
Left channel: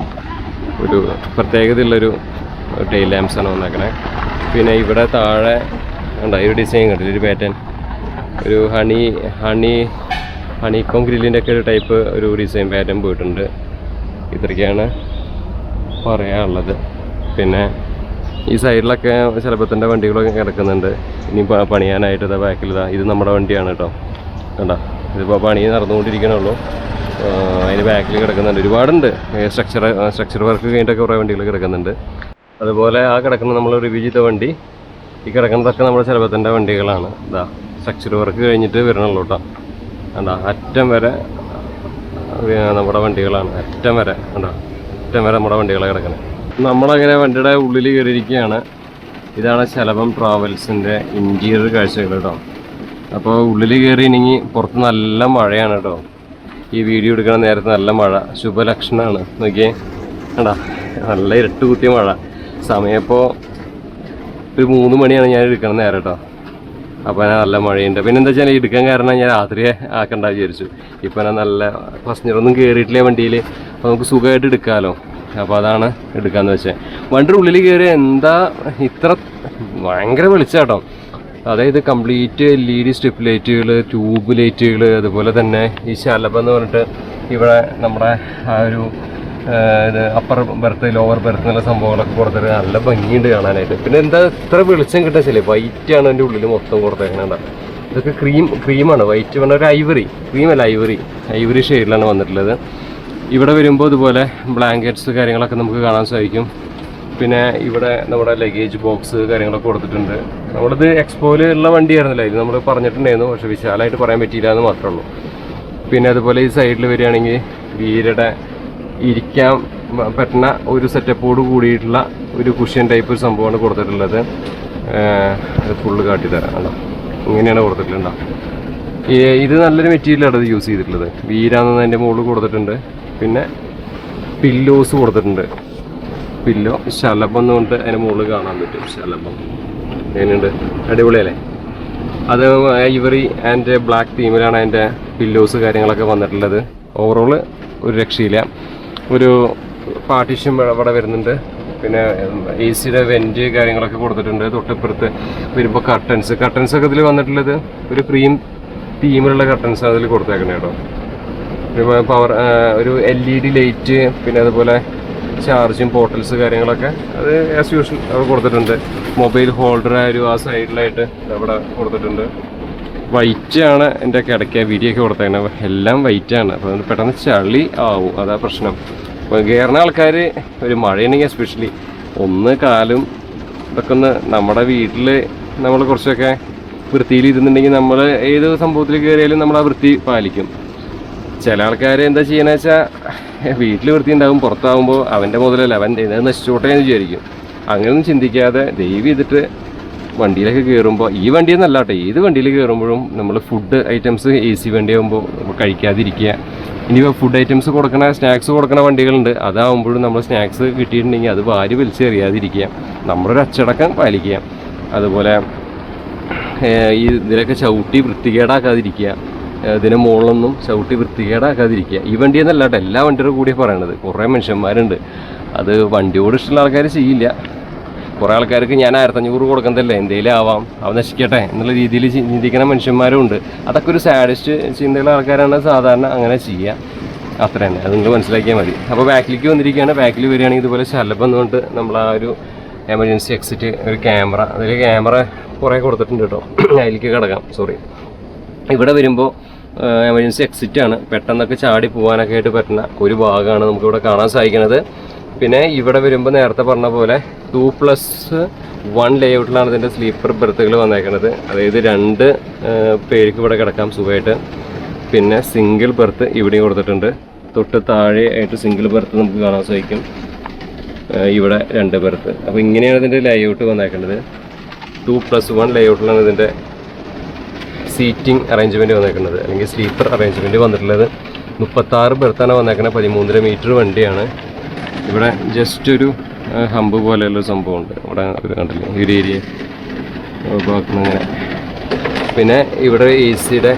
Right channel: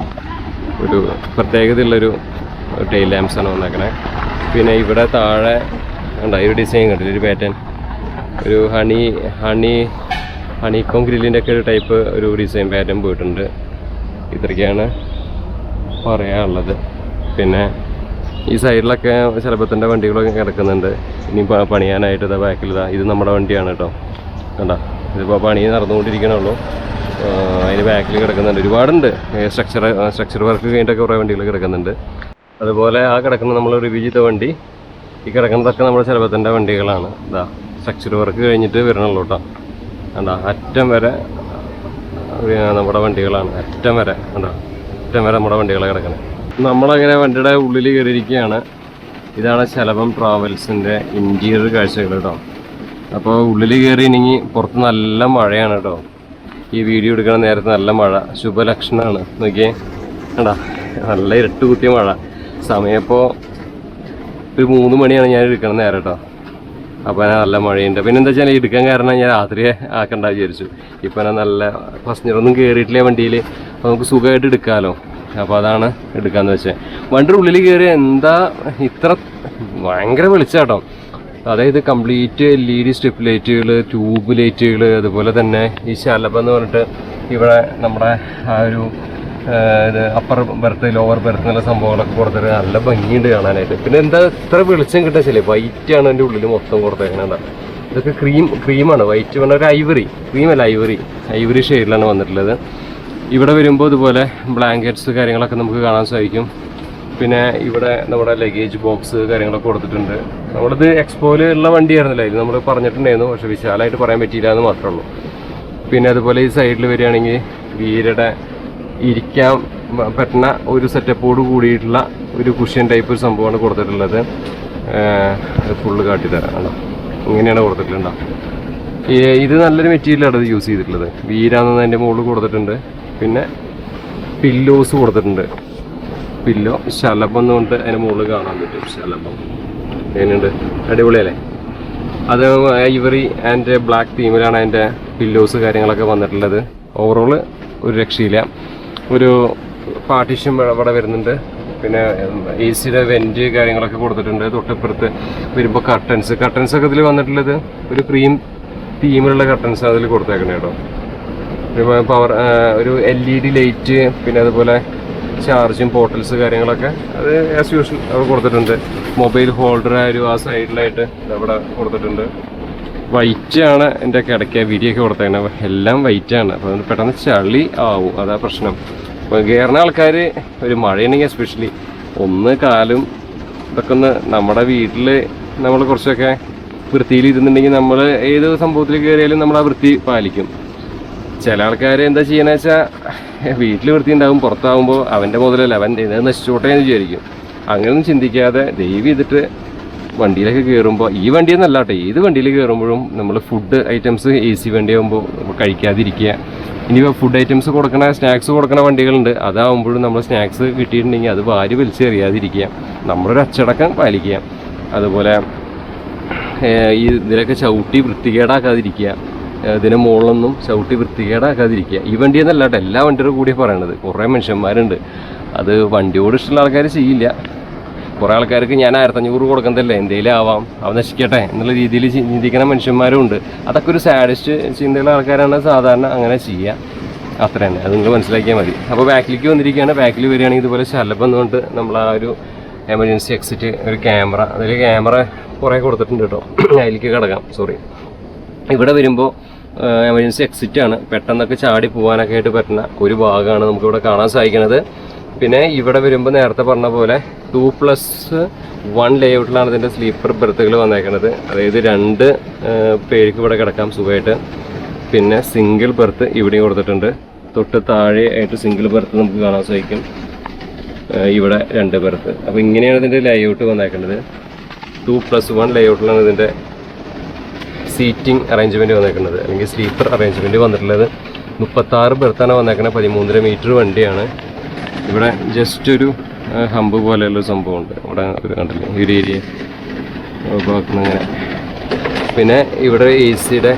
പ്രത്യേകതയുള്ളൊരു ടൈൽ ലാംപ്സാണ് വന്നേക്കണേ. പിന്നെ ഇവിടെ താഴെ ഉണ്ട് ഒരു ഡിസൈൻ കണ്ടില്ല, ഒരു പാറ്റേൺ, ഒരു ഹണിക്കോം ഗ്രില്ലിൻ്റെ ഒക്കെ ഒരു ടൈപ്പ് ഒരു ഡിസൈൻ പാറ്റേൺ പോയിട്ടുണ്ട്. ഇത്രയ്ക്കാണ് പറയാനുള്ളത്. പിന്നെ ഈ സൈഡിലൊക്കെ ശലഭത്തിൻ്റെ വണ്ടികളൊക്കെ കിടക്കുന്നുണ്ട്. ഇനി പണിയാനായിട്ട് ബാക്കിൽ ഇത് നമ്മുടെ വണ്ടിയാണ് കേട്ടോ, കണ്ടോ, ഇതിപ്പോൾ പണി നടന്നുകൊണ്ടിരിക്കണുള്ളൂ. അതിന് ബാക്കിൽ കിടക്കുന്നുണ്ട്, ഒരുപാടുണ്ട്. സ്ട്രക്ചർ വർക്ക് കഴിഞ്ഞിട്ടൊക്കെ കുറേ വണ്ടികൾ കിടക്കുന്നുണ്ട്. അതുപോലെ ആ കിടക്കുന്ന നമ്മൾ റിവ്യൂ ചെയ്ത വണ്ടി, ഈ കിടക്കുന്നതൊക്കെ നമ്മുടെ ശലഭത്തിൻ്റെ വണ്ടികളാണ്. ഇതാ സ്ട്രക്ചർ വർക്ക് കഴിഞ്ഞിട്ട് വരണുള്ളൂ കേട്ടോ, കണ്ടോ, അറ്റം വരെ നമ്മുടെ വണ്ടികളാണ്. അറ്റം വരെ കണ്ടോ, അറ്റം വരെ നമ്മുടെ വണ്ടികളെ കിടക്കണം. നമ്മളങ്ങനെ വണ്ടിയുടെ ഉള്ളിൽ കയറിയിരിക്കുകയാണ്. ഇതാണ് ശലഭം ട്രാവൽസിൻ്റെ ഇൻറ്റീരിയർ കാഴ്ചകൾ കേട്ടോ. അപ്പോൾ ഉള്ളിൽ കയറിയില്ലെങ്കിൽ പുറത്ത് നല്ല മഴയാണ് കേട്ടോ. ഈ വീഡിയോ എടുക്കുന്ന നേരത്തെ നല്ല മഴ, ശുഭലക്ഷണമാണ്. നോക്കിയേ കണ്ടാ, നല്ല ഇരുട്ട് കുത്തിയ മഴ. സമയം ഇപ്പോൾ ഒരു 3 മണിയാണ് ഞാൻ എടുക്കണ നേരം കേട്ടോ. അപ്പോൾ നല്ല മഴയുണ്ട്. പിന്നെ എന്താ വെച്ചാൽ എടുക്കാൻ കാരണം ഞാൻ രാത്രി ആക്കണ്ട വിചാരിച്ചു. ഇപ്പോൾ നല്ല പാസഞ്ചറൊന്നും കയറിയിട്ടില്ല വണ്ടിയിൽ, അപ്പോൾ നമുക്ക് സുഖമായിട്ട് എടുക്കാമല്ലോ. അപ്പോൾ അതാണ് എടുക്കാമെന്ന് വെച്ചാൽ. വണ്ടിയുടെ ഉള്ളിൽ കയറി എന്താ ഇത്ര ഭയങ്കര വെളിച്ചാട്ടോ. അതായത് കംപ്ലീറ്റ് LED സ്ട്രിപ്പ് ലൈറ്റുകൾ, ട്യൂബ് ലൈറ്റുകൾ, അതുപോലെ തന്നെ ഈ ശലഭം എന്ന് പറഞ്ഞിട്ട് ഇവിടെ നമ്മുടെ ആ ഒരു അപ്പർ ബെർത്ത്, ലോവർ ബെർത്ത് എന്നുള്ള സംഭവങ്ങളൊക്കെ കൊടുത്തിട്ട് നല്ല ഭംഗിയുണ്ട് കാണാനായിട്ട്. പിന്നെ എന്താ ഇത്ര വെളിച്ചം കിട്ടാൻ വെച്ചാൽ വൈറ്റാണ് എൻ്റെ ഉള്ളിൽ മൊത്തം കൊടുത്തേക്കുന്നത്. ഇതൊക്കെ ക്രീമാണ്. വൈറ്റ് പറഞ്ഞ ഒരു ക്രീമല്ല, ഐവറി ഷെയ്ഡിലാണ് വന്നിട്ടുള്ളത്. ഇവിടെ വരുമ്പോൾ ഇതുപോലെ ബ്ലാങ്കറ്റ്സ് കാര്യങ്ങളൊക്കെ നമുക്ക് കാണാൻ സാധിക്കും. പിന്നെ ഇവിടെ നമ്മുടെ ലഗേജ് ബോക്സ് കാര്യങ്ങളൊക്കെ കൊടുത്തിട്ടുണ്ട്. നമ്മളിത് എക്സ്പോയിൽ ഉള്ള വണ്ടിയായിരുന്നില്ല, ഇത് നമ്മൾ പറഞ്ഞിട്ടുണ്ടായിരുന്നു, പക്ഷെ വിശാലമായിട്ട് പറയാൻ പറ്റിയില്ല എന്ന് മാത്രമേ ഉള്ളൂ. പിന്നെ അതുപോലെ ഈ സൈഡിൽ വരികയാണെങ്കിൽ വീരയുടെ ഇരിക്കാൻ പറ്റുന്ന ഒരു സെറ്റപ്പോട് കൂടിയിട്ടുള്ള ഒരു കുഷ്യൻ ടൈപ്പ് സംഭവമാണ് കൊടുത്തിട്ടുള്ളത്. ഫുള്ള് കാട്ടിത്തരാം. അല്ല, ഇങ്ങനെയാണ് കൊടുത്തിട്ടുണ്ടോ. ഇത് നല്ലൊരു മെറ്റീരിയലാണ് ഇത് യൂസ് ചെയ്തിട്ടുള്ളത്. വീരാന്ന് അതിൻ്റെ മുകളിൽ കൊടുത്തിട്ടുണ്ട്. പിന്നെ പില്ലോസ് കൊടുത്തിട്ടുണ്ട്. പില്ലോ ശലഭം എന്ന് പറഞ്ഞിട്ട് അതിന് മുകളിൽ കാണാൻ പറ്റും. ശലഭം അതിനുണ്ട്, അടിപൊളിയല്ലേ. അത് ഐവറി ആൻഡ് ബ്ലാക്ക് തീമിലാണ് അതിൻ്റെ പില്ലോസ് കാര്യങ്ങളൊക്കെ വന്നിട്ടുള്ളത്. ഓവറോൾ ഒരു രക്ഷയില്ല. ഒരു പാർട്ടീഷൻ ഇവിടെ വരുന്നുണ്ട്. പിന്നെ AC-യുടെ വെൻറ്റ് കാര്യങ്ങളൊക്കെ കൊടുത്തിട്ടുണ്ട്. തൊട്ടിപ്പുറത്ത് വരുമ്പോൾ കർട്ടൻസൊക്കെ ഇതിൽ വന്നിട്ടുള്ളത് ഒരു ക്രീം തീമിലുള്ള കർട്ടൻസ് അതിൽ കൊടുത്തേക്കണേ കേട്ടോ. പവർ ഒരു LED ലൈറ്റ്, പിന്നെ അതുപോലെ ചാർജിങ് പോർട്ടൽസ് കാര്യങ്ങളൊക്കെ അത് ആസ് യൂഷ്വൽ അവിടെ കൊടുത്തിട്ടുണ്ട്. മൊബൈൽ ഹോൾഡർ ഒരു ആ സൈഡിലായിട്ട് അവിടെ കൊടുത്തിട്ടുണ്ട്. വൈറ്റ് ആണ് എൻ്റെ കിടക്ക വിരിയൊക്കെ കൊടുത്തേക്കുന്നത്, എല്ലാം വൈറ്റാണ്. അപ്പോൾ പെട്ടെന്ന് ചളി ആവും, അതാ പ്രശ്നം. അപ്പോൾ കയറുന്ന ആൾക്കാർ ഒരു മഴയുണ്ടെങ്കിൽ എസ്പെഷ്യലി ഒന്ന് കാലും ഇതൊക്കെ ഒന്ന് നമ്മുടെ വീട്ടിൽ നമ്മൾ കുറച്ചൊക്കെ വൃത്തിയിലിരുന്നുണ്ടെങ്കിൽ നമ്മൾ ഏത് സംഭവത്തിൽ കയറിയാലും നമ്മൾ ആ വൃത്തി പാലിക്കും. ചില ആൾക്കാർ എന്താ ചെയ്യണമെന്ന് വെച്ചാൽ വീട്ടിൽ വൃത്തി ഉണ്ടാകും, പുറത്താകുമ്പോൾ അവൻ്റെ മുതലല്ല അവൻ ഇത് നശിച്ചോട്ടെ എന്ന് വിചാരിക്കും. അങ്ങനെയൊന്നും ചിന്തിക്കാതെ ദയവ് ചെയ്തിട്ട് വണ്ടിയിലൊക്കെ കയറുമ്പോൾ, ഈ വണ്ടിയെന്നല്ല കേട്ടോ, ഏത് വണ്ടിയിൽ കയറുമ്പോഴും നമ്മൾ ഫുഡ് ഐറ്റംസ് AC വണ്ടിയാകുമ്പോൾ കഴിക്കാതിരിക്കുക. ഇനി ഫുഡ് ഐറ്റംസ് കൊടുക്കണ സ്നാക്സ് കൊടുക്കണ വണ്ടികളുണ്ട്, അതാവുമ്പോഴും നമ്മൾ സ്നാക്സ് കിട്ടിയിട്ടുണ്ടെങ്കിൽ അത് വാരി വലിച്ചെറിയാതിരിക്കുക, നമ്മളൊരു അച്ചടക്കം പാലിക്കുക. അതുപോലെ ഇതിലൊക്കെ ചവിട്ടി വൃത്തികേടാക്കാതിരിക്കുക, ഇതിന് മുകളിലൊന്നും ചവിട്ടി വൃത്തികേടാക്കാതിരിക്കുക. ഈ വണ്ടി എന്നല്ല കേട്ടോ, എല്ലാ വണ്ടിയുടെ കൂടിയാണ് പറയണത്. കുറേ മനുഷ്യന്മാരുണ്ട്, അത് വണ്ടിയോട് ഇഷ്ടമുള്ള ആൾക്കാർ ചെയ്യില്ല. കുറേ ആൾക്കാർക്ക് ഞാൻ 1500 കൊടുക്കുന്നതല്ലേ, എന്തെങ്കിലും ആവാം, അവ നശിക്കട്ടെ എന്നുള്ള രീതിയിൽ ചിന്തിക്കുന്ന മനുഷ്യന്മാരും ഉണ്ട്. അതൊക്കെ ഒരു സാഡിസ്റ്റ് ചിന്തയുള്ള ആൾക്കാരാണ് സാധാരണ അങ്ങനെ ചെയ്യുക. അത്ര തന്നെ, അത് നിങ്ങൾ മനസ്സിലാക്കിയാൽ മതി. അപ്പോൾ ബാക്കിലേക്ക് വന്നിരിക്കുകയാണ്. ബാക്കിൽ വരികയാണെങ്കിൽ ഇതുപോലെ ശലഭം എന്നുകൊണ്ട് നമ്മൾ ആ ഒരു എമർജൻസി എക്സിറ്റ്, ഒരു ക്യാമറ, അതിൽ ക്യാമറ കുറേ കൊടുത്തിട്ടുണ്ട് കേട്ടോ. അതിലേക്ക് കിടക്കാം, സോറി. ഇവിടെ വരുമ്പോൾ എമർജൻസി എക്സിറ്റ് ആണ്, പെട്ടെന്നൊക്കെ ചാടി പോകാനൊക്കെ ആയിട്ട് പറ്റുന്ന ഒരു ഭാഗമാണ് നമുക്കിവിടെ കാണാൻ സാധിക്കുന്നത്. പിന്നെ ഇവിടെ വരുമ്പോൾ നേരത്തെ പറഞ്ഞ പോലെ 2+1 ലേഔട്ടിലാണ് ഇതിൻ്റെ സ്ലീപ്പർ ബെർത്തുകൾ വന്നേക്കുന്നത്. അതായത് 2 പേർക്ക് ഇവിടെ കിടക്കാം സുഖമായിട്ട്. പിന്നെ സിംഗിൾ ബെർത്ത് ഇവിടെയും കൊടുത്തിട്ടുണ്ട്. തൊട്ട് താഴെ ആയിട്ട് സിംഗിൾ ബെർത്ത് നമുക്ക് കാണാൻ സാധിക്കും. ഇവിടെ 2 ബെർത്ത്. അപ്പോൾ ഇങ്ങനെയാണ് ഇതിൻ്റെ ലേഔട്ട് വന്നേക്കുന്നത്. 2+1 ലേഔട്ടിലാണ് ഇതിൻ്റെ സീറ്റിംഗ് അറേഞ്ച്മെൻറ്റ് വന്നേക്കുന്നത്, അല്ലെങ്കിൽ സ്ലീപ്പർ അറേഞ്ച്മെൻറ്റ് വന്നിട്ടുള്ളത്. 36 ബെർത്താണ് വന്നേക്കുന്നത്. 13.5 മീറ്റർ വണ്ടിയാണ്. ഇവിടെ ജസ്റ്റ് ഒരു ഹമ്പ് പോലെയുള്ളൊരു സംഭവമുണ്ട് ഇവിടെ, ഒരു കണ്ടില്ലേ ഈ ഒരു ഏരിയ അങ്ങനെ. പിന്നെ ഇവിടെ AC-യുടെ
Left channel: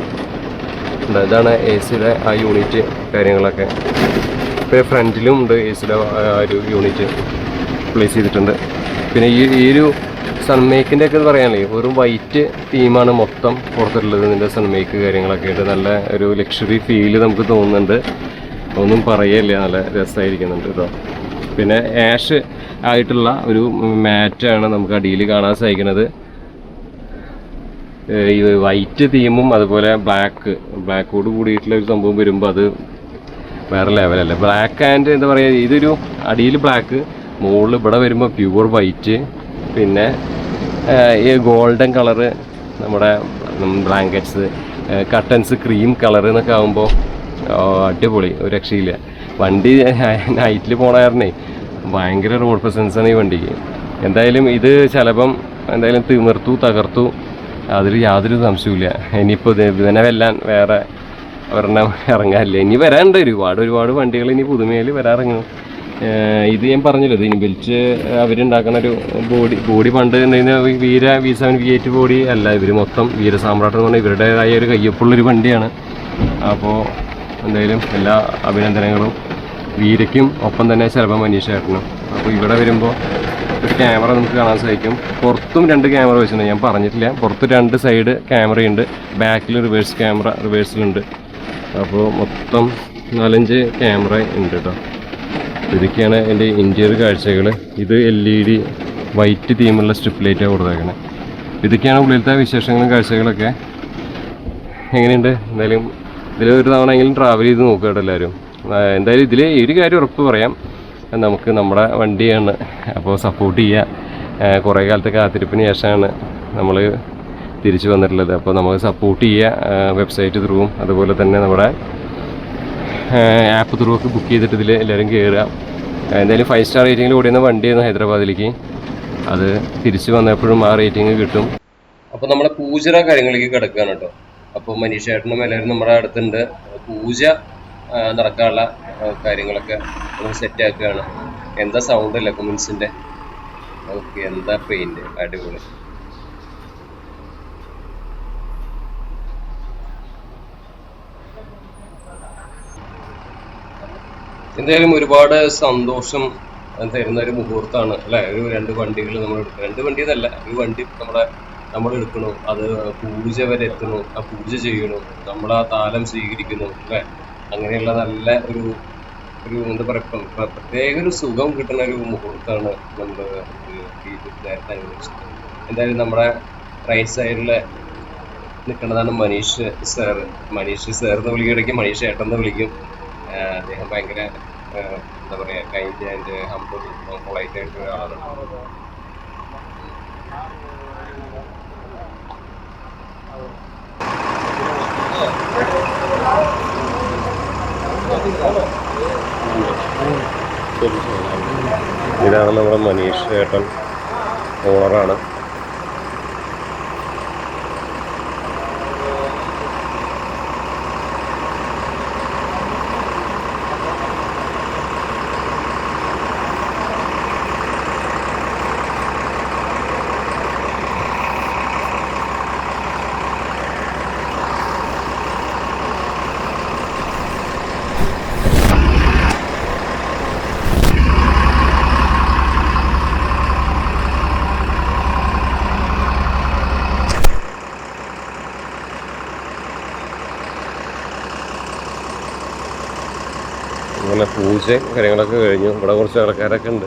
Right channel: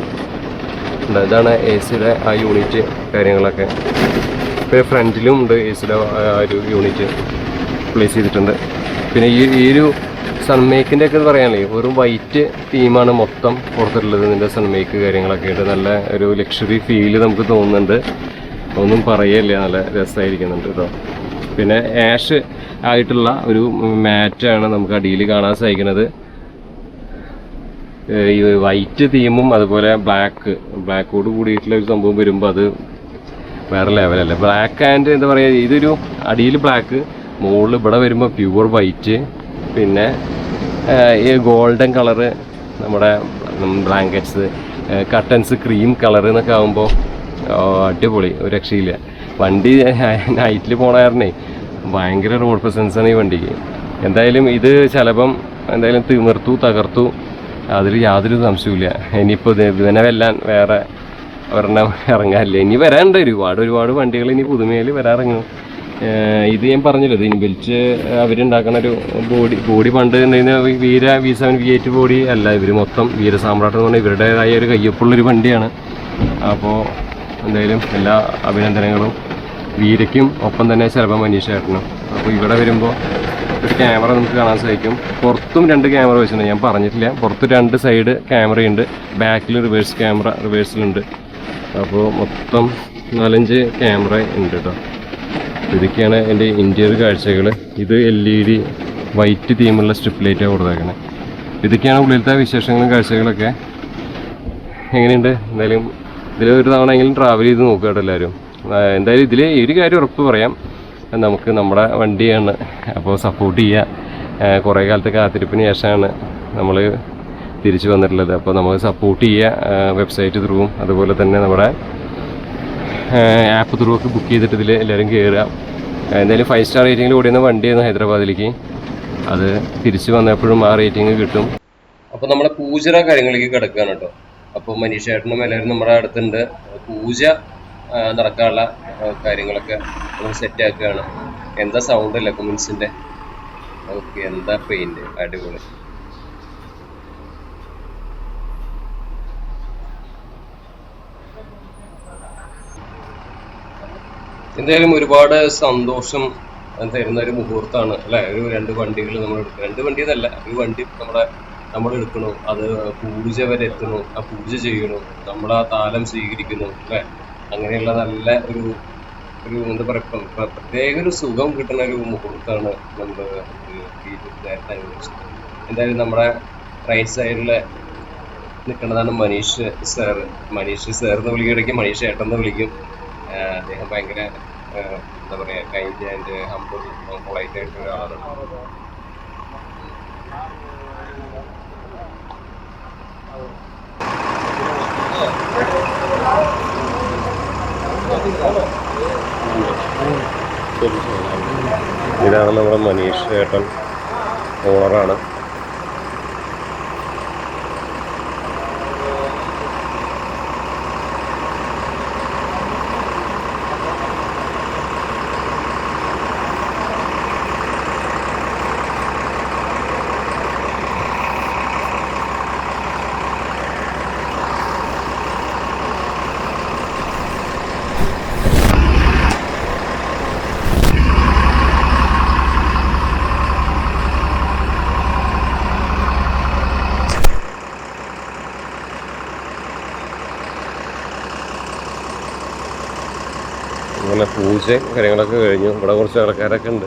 ഇതാണ് AC-യുടെ ആ യൂണിറ്റ് കാര്യങ്ങളൊക്കെ. പിന്നെ ഫ്രണ്ടിലും ഉണ്ട് AC-യുടെ ആ ഒരു യൂണിറ്റ് പ്ലേസ് ചെയ്തിട്ടുണ്ട്. പിന്നെ ഈ ഒരു സൺമേക്കിൻ്റെ ഒക്കെ പറയാനല്ലേ, ഒരു വൈറ്റ് തീമാണ് മൊത്തം കൊടുത്തിട്ടുള്ളത്. ഇതിൻ്റെ സൺമേക്ക് കാര്യങ്ങളൊക്കെ ഉണ്ട്. നല്ല ഒരു ലക്ഷറി ഫീല് നമുക്ക് തോന്നുന്നുണ്ട്. ഒന്നും പറയല്ലേ, നല്ല രസമായിരിക്കുന്നുണ്ട് കേട്ടോ. പിന്നെ ആഷ് ആയിട്ടുള്ള ഒരു മാറ്റാണ് നമുക്ക് അടിയിൽ കാണാൻ സാധിക്കുന്നത്. ഈ വൈറ്റ് തീമും അതുപോലെ ബ്ലാക്കോട് കൂടിയിട്ടുള്ള ഒരു സംഭവം വരുമ്പോൾ അത് വേറെ ലെവലല്ലേ. ബ്ലാക്ക് ആൻഡ് എന്താ പറയുക, ഇതൊരു അടിയിൽ ബ്ലാക്ക്, മുകളിൽ ഇവിടെ വരുമ്പോൾ പ്യുവർ വൈറ്റ്, പിന്നെ ഈ ഗോൾഡൻ കളറ് നമ്മുടെ ബ്ലാങ്കറ്റ്സ്, കട്ടൻസ് ക്രീം കളർ എന്നൊക്കെ ആകുമ്പോൾ അടിപൊളി, ഒരു രക്ഷയില്ല. വണ്ടി നൈറ്റിൽ പോണ കാരണേ ഭയങ്കര റോഡ് പ്രസൻസാണ് ഈ വണ്ടിക്ക്. എന്തായാലും ഇത് ചിലപ്പം എന്തായാലും തകർത്തു, അതിൽ യാതൊരു സംശയമില്ല. ഇനിയിപ്പോൾ ഇതിനെ വെല്ലാൻ വേറെ ഒരെണ്ണം ഇറങ്ങാനില്ല. ഇനി വരാനുണ്ട് ഒരുപാട് വണ്ടികൾ ഇനി പുതുമയിൽ വരാറിറങ്ങും. ഇത് ഞാൻ പറഞ്ഞല്ലോ, ഇത് ഇനി ബെൽറ്റ് അവരുണ്ടാക്കുന്ന ഒരു ബോഡി പണ്ട് വീര V7 V8 ബോഡി അല്ല, ഇവർ മൊത്തം വീരസാമ്രാട്ടം എന്ന് പറഞ്ഞാൽ ഇവരുടേതായ ഒരു കയ്യൊപ്പുള്ളൊരു വണ്ടിയാണ്. അപ്പോൾ എന്തായാലും എല്ലാ അഭിനന്ദനങ്ങളും വീരയ്ക്കും, ഒപ്പം തന്നെ ശലഭം മനീഷ് ചേട്ടനും. അപ്പോൾ ഇവിടെ വരുമ്പോൾ ഒരു ക്യാമറ നമുക്ക് കാണാൻ സാധിക്കും. പുറത്തും 2 ക്യാമറ വെച്ചിട്ടുണ്ട്, ഞാൻ പറഞ്ഞിട്ടില്ല. പുറത്ത് 2 സൈഡ് ക്യാമറയുണ്ട്, ബാക്കിൽ റിവേഴ്സ് ക്യാമറ റിവേഴ്സിലുണ്ട്. അപ്പോൾ മൊത്തം 4-5 ക്യാമറ ഉണ്ട് കേട്ടോ. ഇതൊക്കെയാണ് എൻ്റെ ഇൻറ്റീരിയർ കാഴ്ചകൾ. ഇത് LED വൈറ്റ് തീമുള്ള സ്ട്രിപ്പ് ലൈറ്റാണ് കൊടുത്തേക്കണേ. ഇതൊക്കെയാണ് ഉള്ളിലത്തെ വിശേഷങ്ങളും കാഴ്ചകളൊക്കെ. എങ്ങനെയുണ്ട്? എന്തായാലും ഇതിലൊരു തവണ എങ്കിലും ട്രാവൽ ചെയ്ത് നോക്കുക കേട്ടോ എല്ലാവരും. എന്തായാലും ഇതിൽ ഒരു കാര്യം ഉറപ്പ് പറയാം, നമുക്ക് നമ്മുടെ വണ്ടിയാണ്, അപ്പോൾ സപ്പോർട്ട് ചെയ്യുക. കുറേ കാലത്തെ കാത്തിരിപ്പിന് ശേഷമാണ് നമ്മൾ തിരിച്ചു വന്നിട്ടുള്ളത്. അപ്പോൾ നമുക്ക് സപ്പോർട്ട് ചെയ്യുക വെബ്സൈറ്റ് ത്രൂവും അതുപോലെ തന്നെ നമ്മുടെ ആപ്പ് ത്രൂ ഒക്കെ ബുക്ക് ചെയ്തിട്ട് ഇതിൽ എല്ലാവരും കയറുക. എന്തായാലും 5 സ്റ്റാർ റേറ്റിങ്ങിൽ ഓടിയുന്ന വണ്ടിയായിരുന്നു ഹൈദരാബാദിലേക്ക്. അത് തിരിച്ച് വന്നപ്പോഴും ആ റേറ്റിംഗ് കിട്ടും. അപ്പോൾ നമ്മുടെ പൂജ കാര്യങ്ങളിലേക്ക് കിടക്കുകയാണ് കേട്ടോ. അപ്പോൾ മനീഷേട്ടനും എല്ലാവരും നമ്മുടെ അടുത്തുണ്ട്. പൂജ നടക്കാനുള്ള കാര്യങ്ങളൊക്കെ നമ്മൾ സെറ്റ് ആക്കുകയാണ്. എന്താ സൗണ്ട് അല്ലേ കുമിൻസിൻ്റെ? ഓക്കെ, എന്താ പെയിന്റ്, അടിപൊളി. എന്തായാലും ഒരുപാട് സന്തോഷം തരുന്ന ഒരു മുഹൂർത്തമാണ് അല്ലേ? ഒരു 2 വണ്ടികൾ നമ്മൾ എടുക്കണം. 2 വണ്ടി എന്നല്ല, ഒരു വണ്ടി നമ്മൾ എടുക്കണു, അത് പൂജ വരെ എത്തണു, ആ പൂജ ചെയ്യണു, നമ്മൾ ആ താലം സ്വീകരിക്കുന്നു അല്ലേ? അങ്ങനെയുള്ള നല്ല ഒരു എന്താ പറയുക, പ്രത്യേക ഒരു സുഖം കിട്ടുന്ന ഒരു മുഹൂർത്തമാണ് നമ്മൾ നേരത്തെ അനുഭവിച്ചത്. എന്തായാലും നമ്മുടെ റൈറ്റ് സൈഡിൽ നിൽക്കുന്നതാണ് മനീഷ് സാർ. മനീഷ് സാർ എന്ന് വിളിക്കുകയാണെങ്കിൽ മനീഷ് ഏട്ടൻ എന്ന് വിളിക്കും. അദ്ദേഹം ഭയങ്കര എന്താ പറയുക, കൈൻഡ് ആൻഡ് ഹംബിൾ പൊളൈറ്റ് ആയിട്ടുള്ള ഒരാളാണ്. ഇതാണ് നമ്മുടെ മനീഷ് ഏട്ടൻ, ഓണറാണ്. അങ്ങനെ പൂജയും കാര്യങ്ങളൊക്കെ കഴിഞ്ഞു. ഇവിടെ കുറച്ച് ആൾക്കാരൊക്കെ ഉണ്ട്.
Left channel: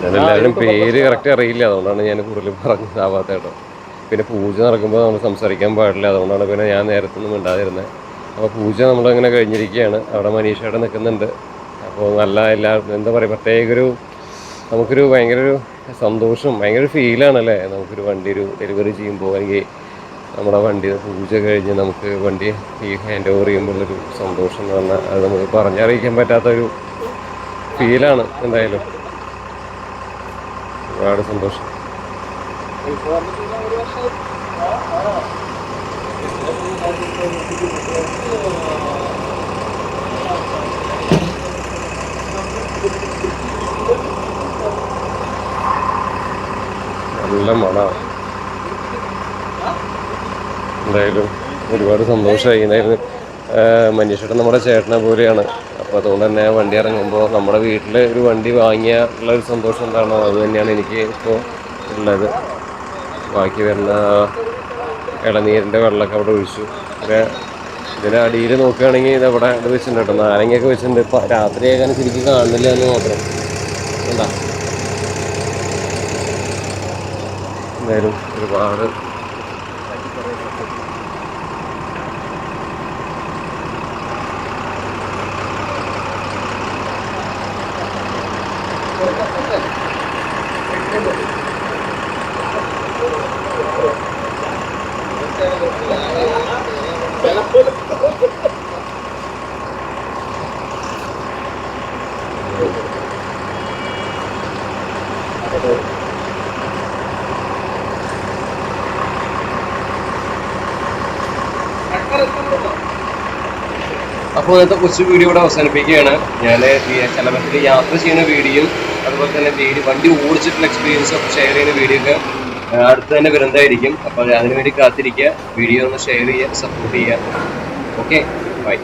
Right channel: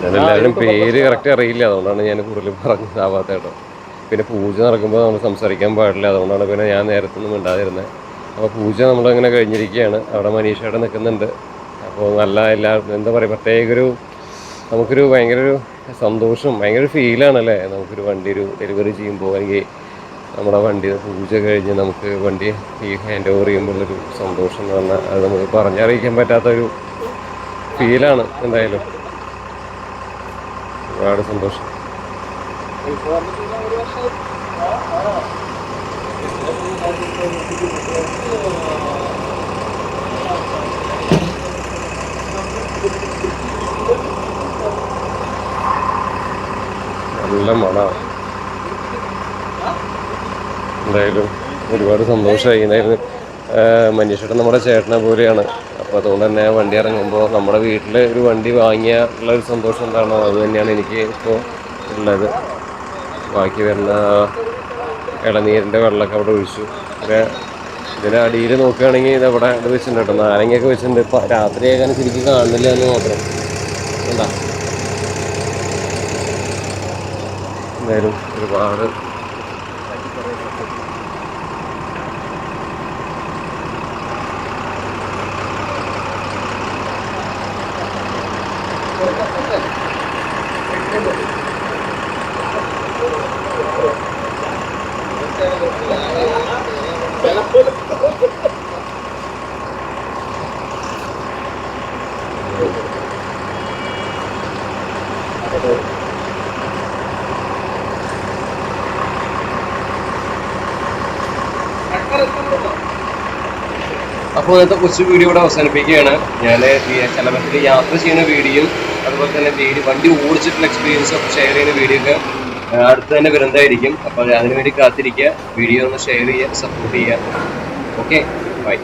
ഞാനെല്ലാവരും പേര് കറക്റ്റ് അറിയില്ല, അതുകൊണ്ടാണ് ഞാൻ കൂടുതൽ പറഞ്ഞതാവാത്ത കേട്ടോ. പിന്നെ പൂജ നടക്കുമ്പോൾ നമ്മൾ സംസാരിക്കാൻ പാടില്ല, അതുകൊണ്ടാണ് പിന്നെ ഞാൻ നേരത്തെ ഒന്നും മിണ്ടാതിരുന്നത്. അപ്പോൾ പൂജ നമ്മളങ്ങനെ കഴിഞ്ഞിരിക്കുകയാണ്. അവിടെ മനീഷയുടെ നിൽക്കുന്നുണ്ട്. അപ്പോൾ നല്ല എന്താ പറയുക, പ്രത്യേക നമുക്കൊരു ഭയങ്കര ഒരു സന്തോഷം, ഭയങ്കര ഒരു ഫീലാണല്ലേ നമുക്കൊരു വണ്ടി ഡെലിവറി ചെയ്യുമ്പോൾ. അല്ലെങ്കിൽ നമ്മുടെ വണ്ടി പൂജ കഴിഞ്ഞ് നമുക്ക് വണ്ടി ഹാൻഡ് ഓവർ ചെയ്യുമ്പോഴൊരു സന്തോഷം എന്ന് പറഞ്ഞാൽ അത് നമുക്ക് പറഞ്ഞറിയിക്കാൻ പറ്റാത്തൊരു ഫീലാണ്. എന്തായാലും ഒരുപാട് സന്തോഷം. നല്ല മണമാണ്. എന്തായാലും ഒരുപാട് സന്തോഷമായി. എന്തായാലും മനീഷേട്ടൻ നമ്മുടെ ചേട്ടനെ പോലെയാണ്. അപ്പോൾ അതുകൊണ്ട് തന്നെ വണ്ടി ഇറങ്ങുമ്പോൾ നമ്മുടെ വീട്ടിൽ ഒരു വണ്ടി വാങ്ങിയ ഉള്ളൊരു സന്തോഷം എന്താണോ അത് തന്നെയാണ് എനിക്ക് ഇപ്പോൾ ഉള്ളത്. ബാക്കി വരുന്ന ഇളനീരിൻ്റെ വെള്ളമൊക്കെ അവിടെ ഒഴിച്ചു. പിന്നെ ഇതിൻ്റെ അടിയിൽ നോക്കുകയാണെങ്കിൽ ഇതവിടെ ഇത് വെച്ചിട്ടുണ്ട് കേട്ടോ, നാരങ്ങയൊക്കെ വെച്ചിട്ടുണ്ട്. ഇപ്പം രാത്രിയാകാൻ ശരിക്കും കാണുന്നില്ല എന്ന് മാത്രം. എന്താ എന്തായാലും ഒരുപാട് അപ്പോൾ ഇന്നത്തെ കൊച്ചു വീഡിയോ ഇവിടെ അവസാനിപ്പിക്കുകയാണ്. ഞാൻ ചെലവത്തിൽ യാത്ര ചെയ്യുന്ന വീഡിയോ അതുപോലെ തന്നെ വണ്ടി ഓടിച്ചിട്ടുള്ള എക്സ്പീരിയൻസ് ഒക്കെ ഷെയർ ചെയ്യുന്ന വീഡിയോ ഒക്കെ അടുത്ത് തന്നെ വരുന്നതായിരിക്കും. അപ്പോൾ അതിനുവേണ്ടി കാത്തിരിക്കുക. വീഡിയോ ഒന്ന് ഷെയർ ചെയ്യുക, സപ്പോർട്ട് ചെയ്യുക. Okay, by.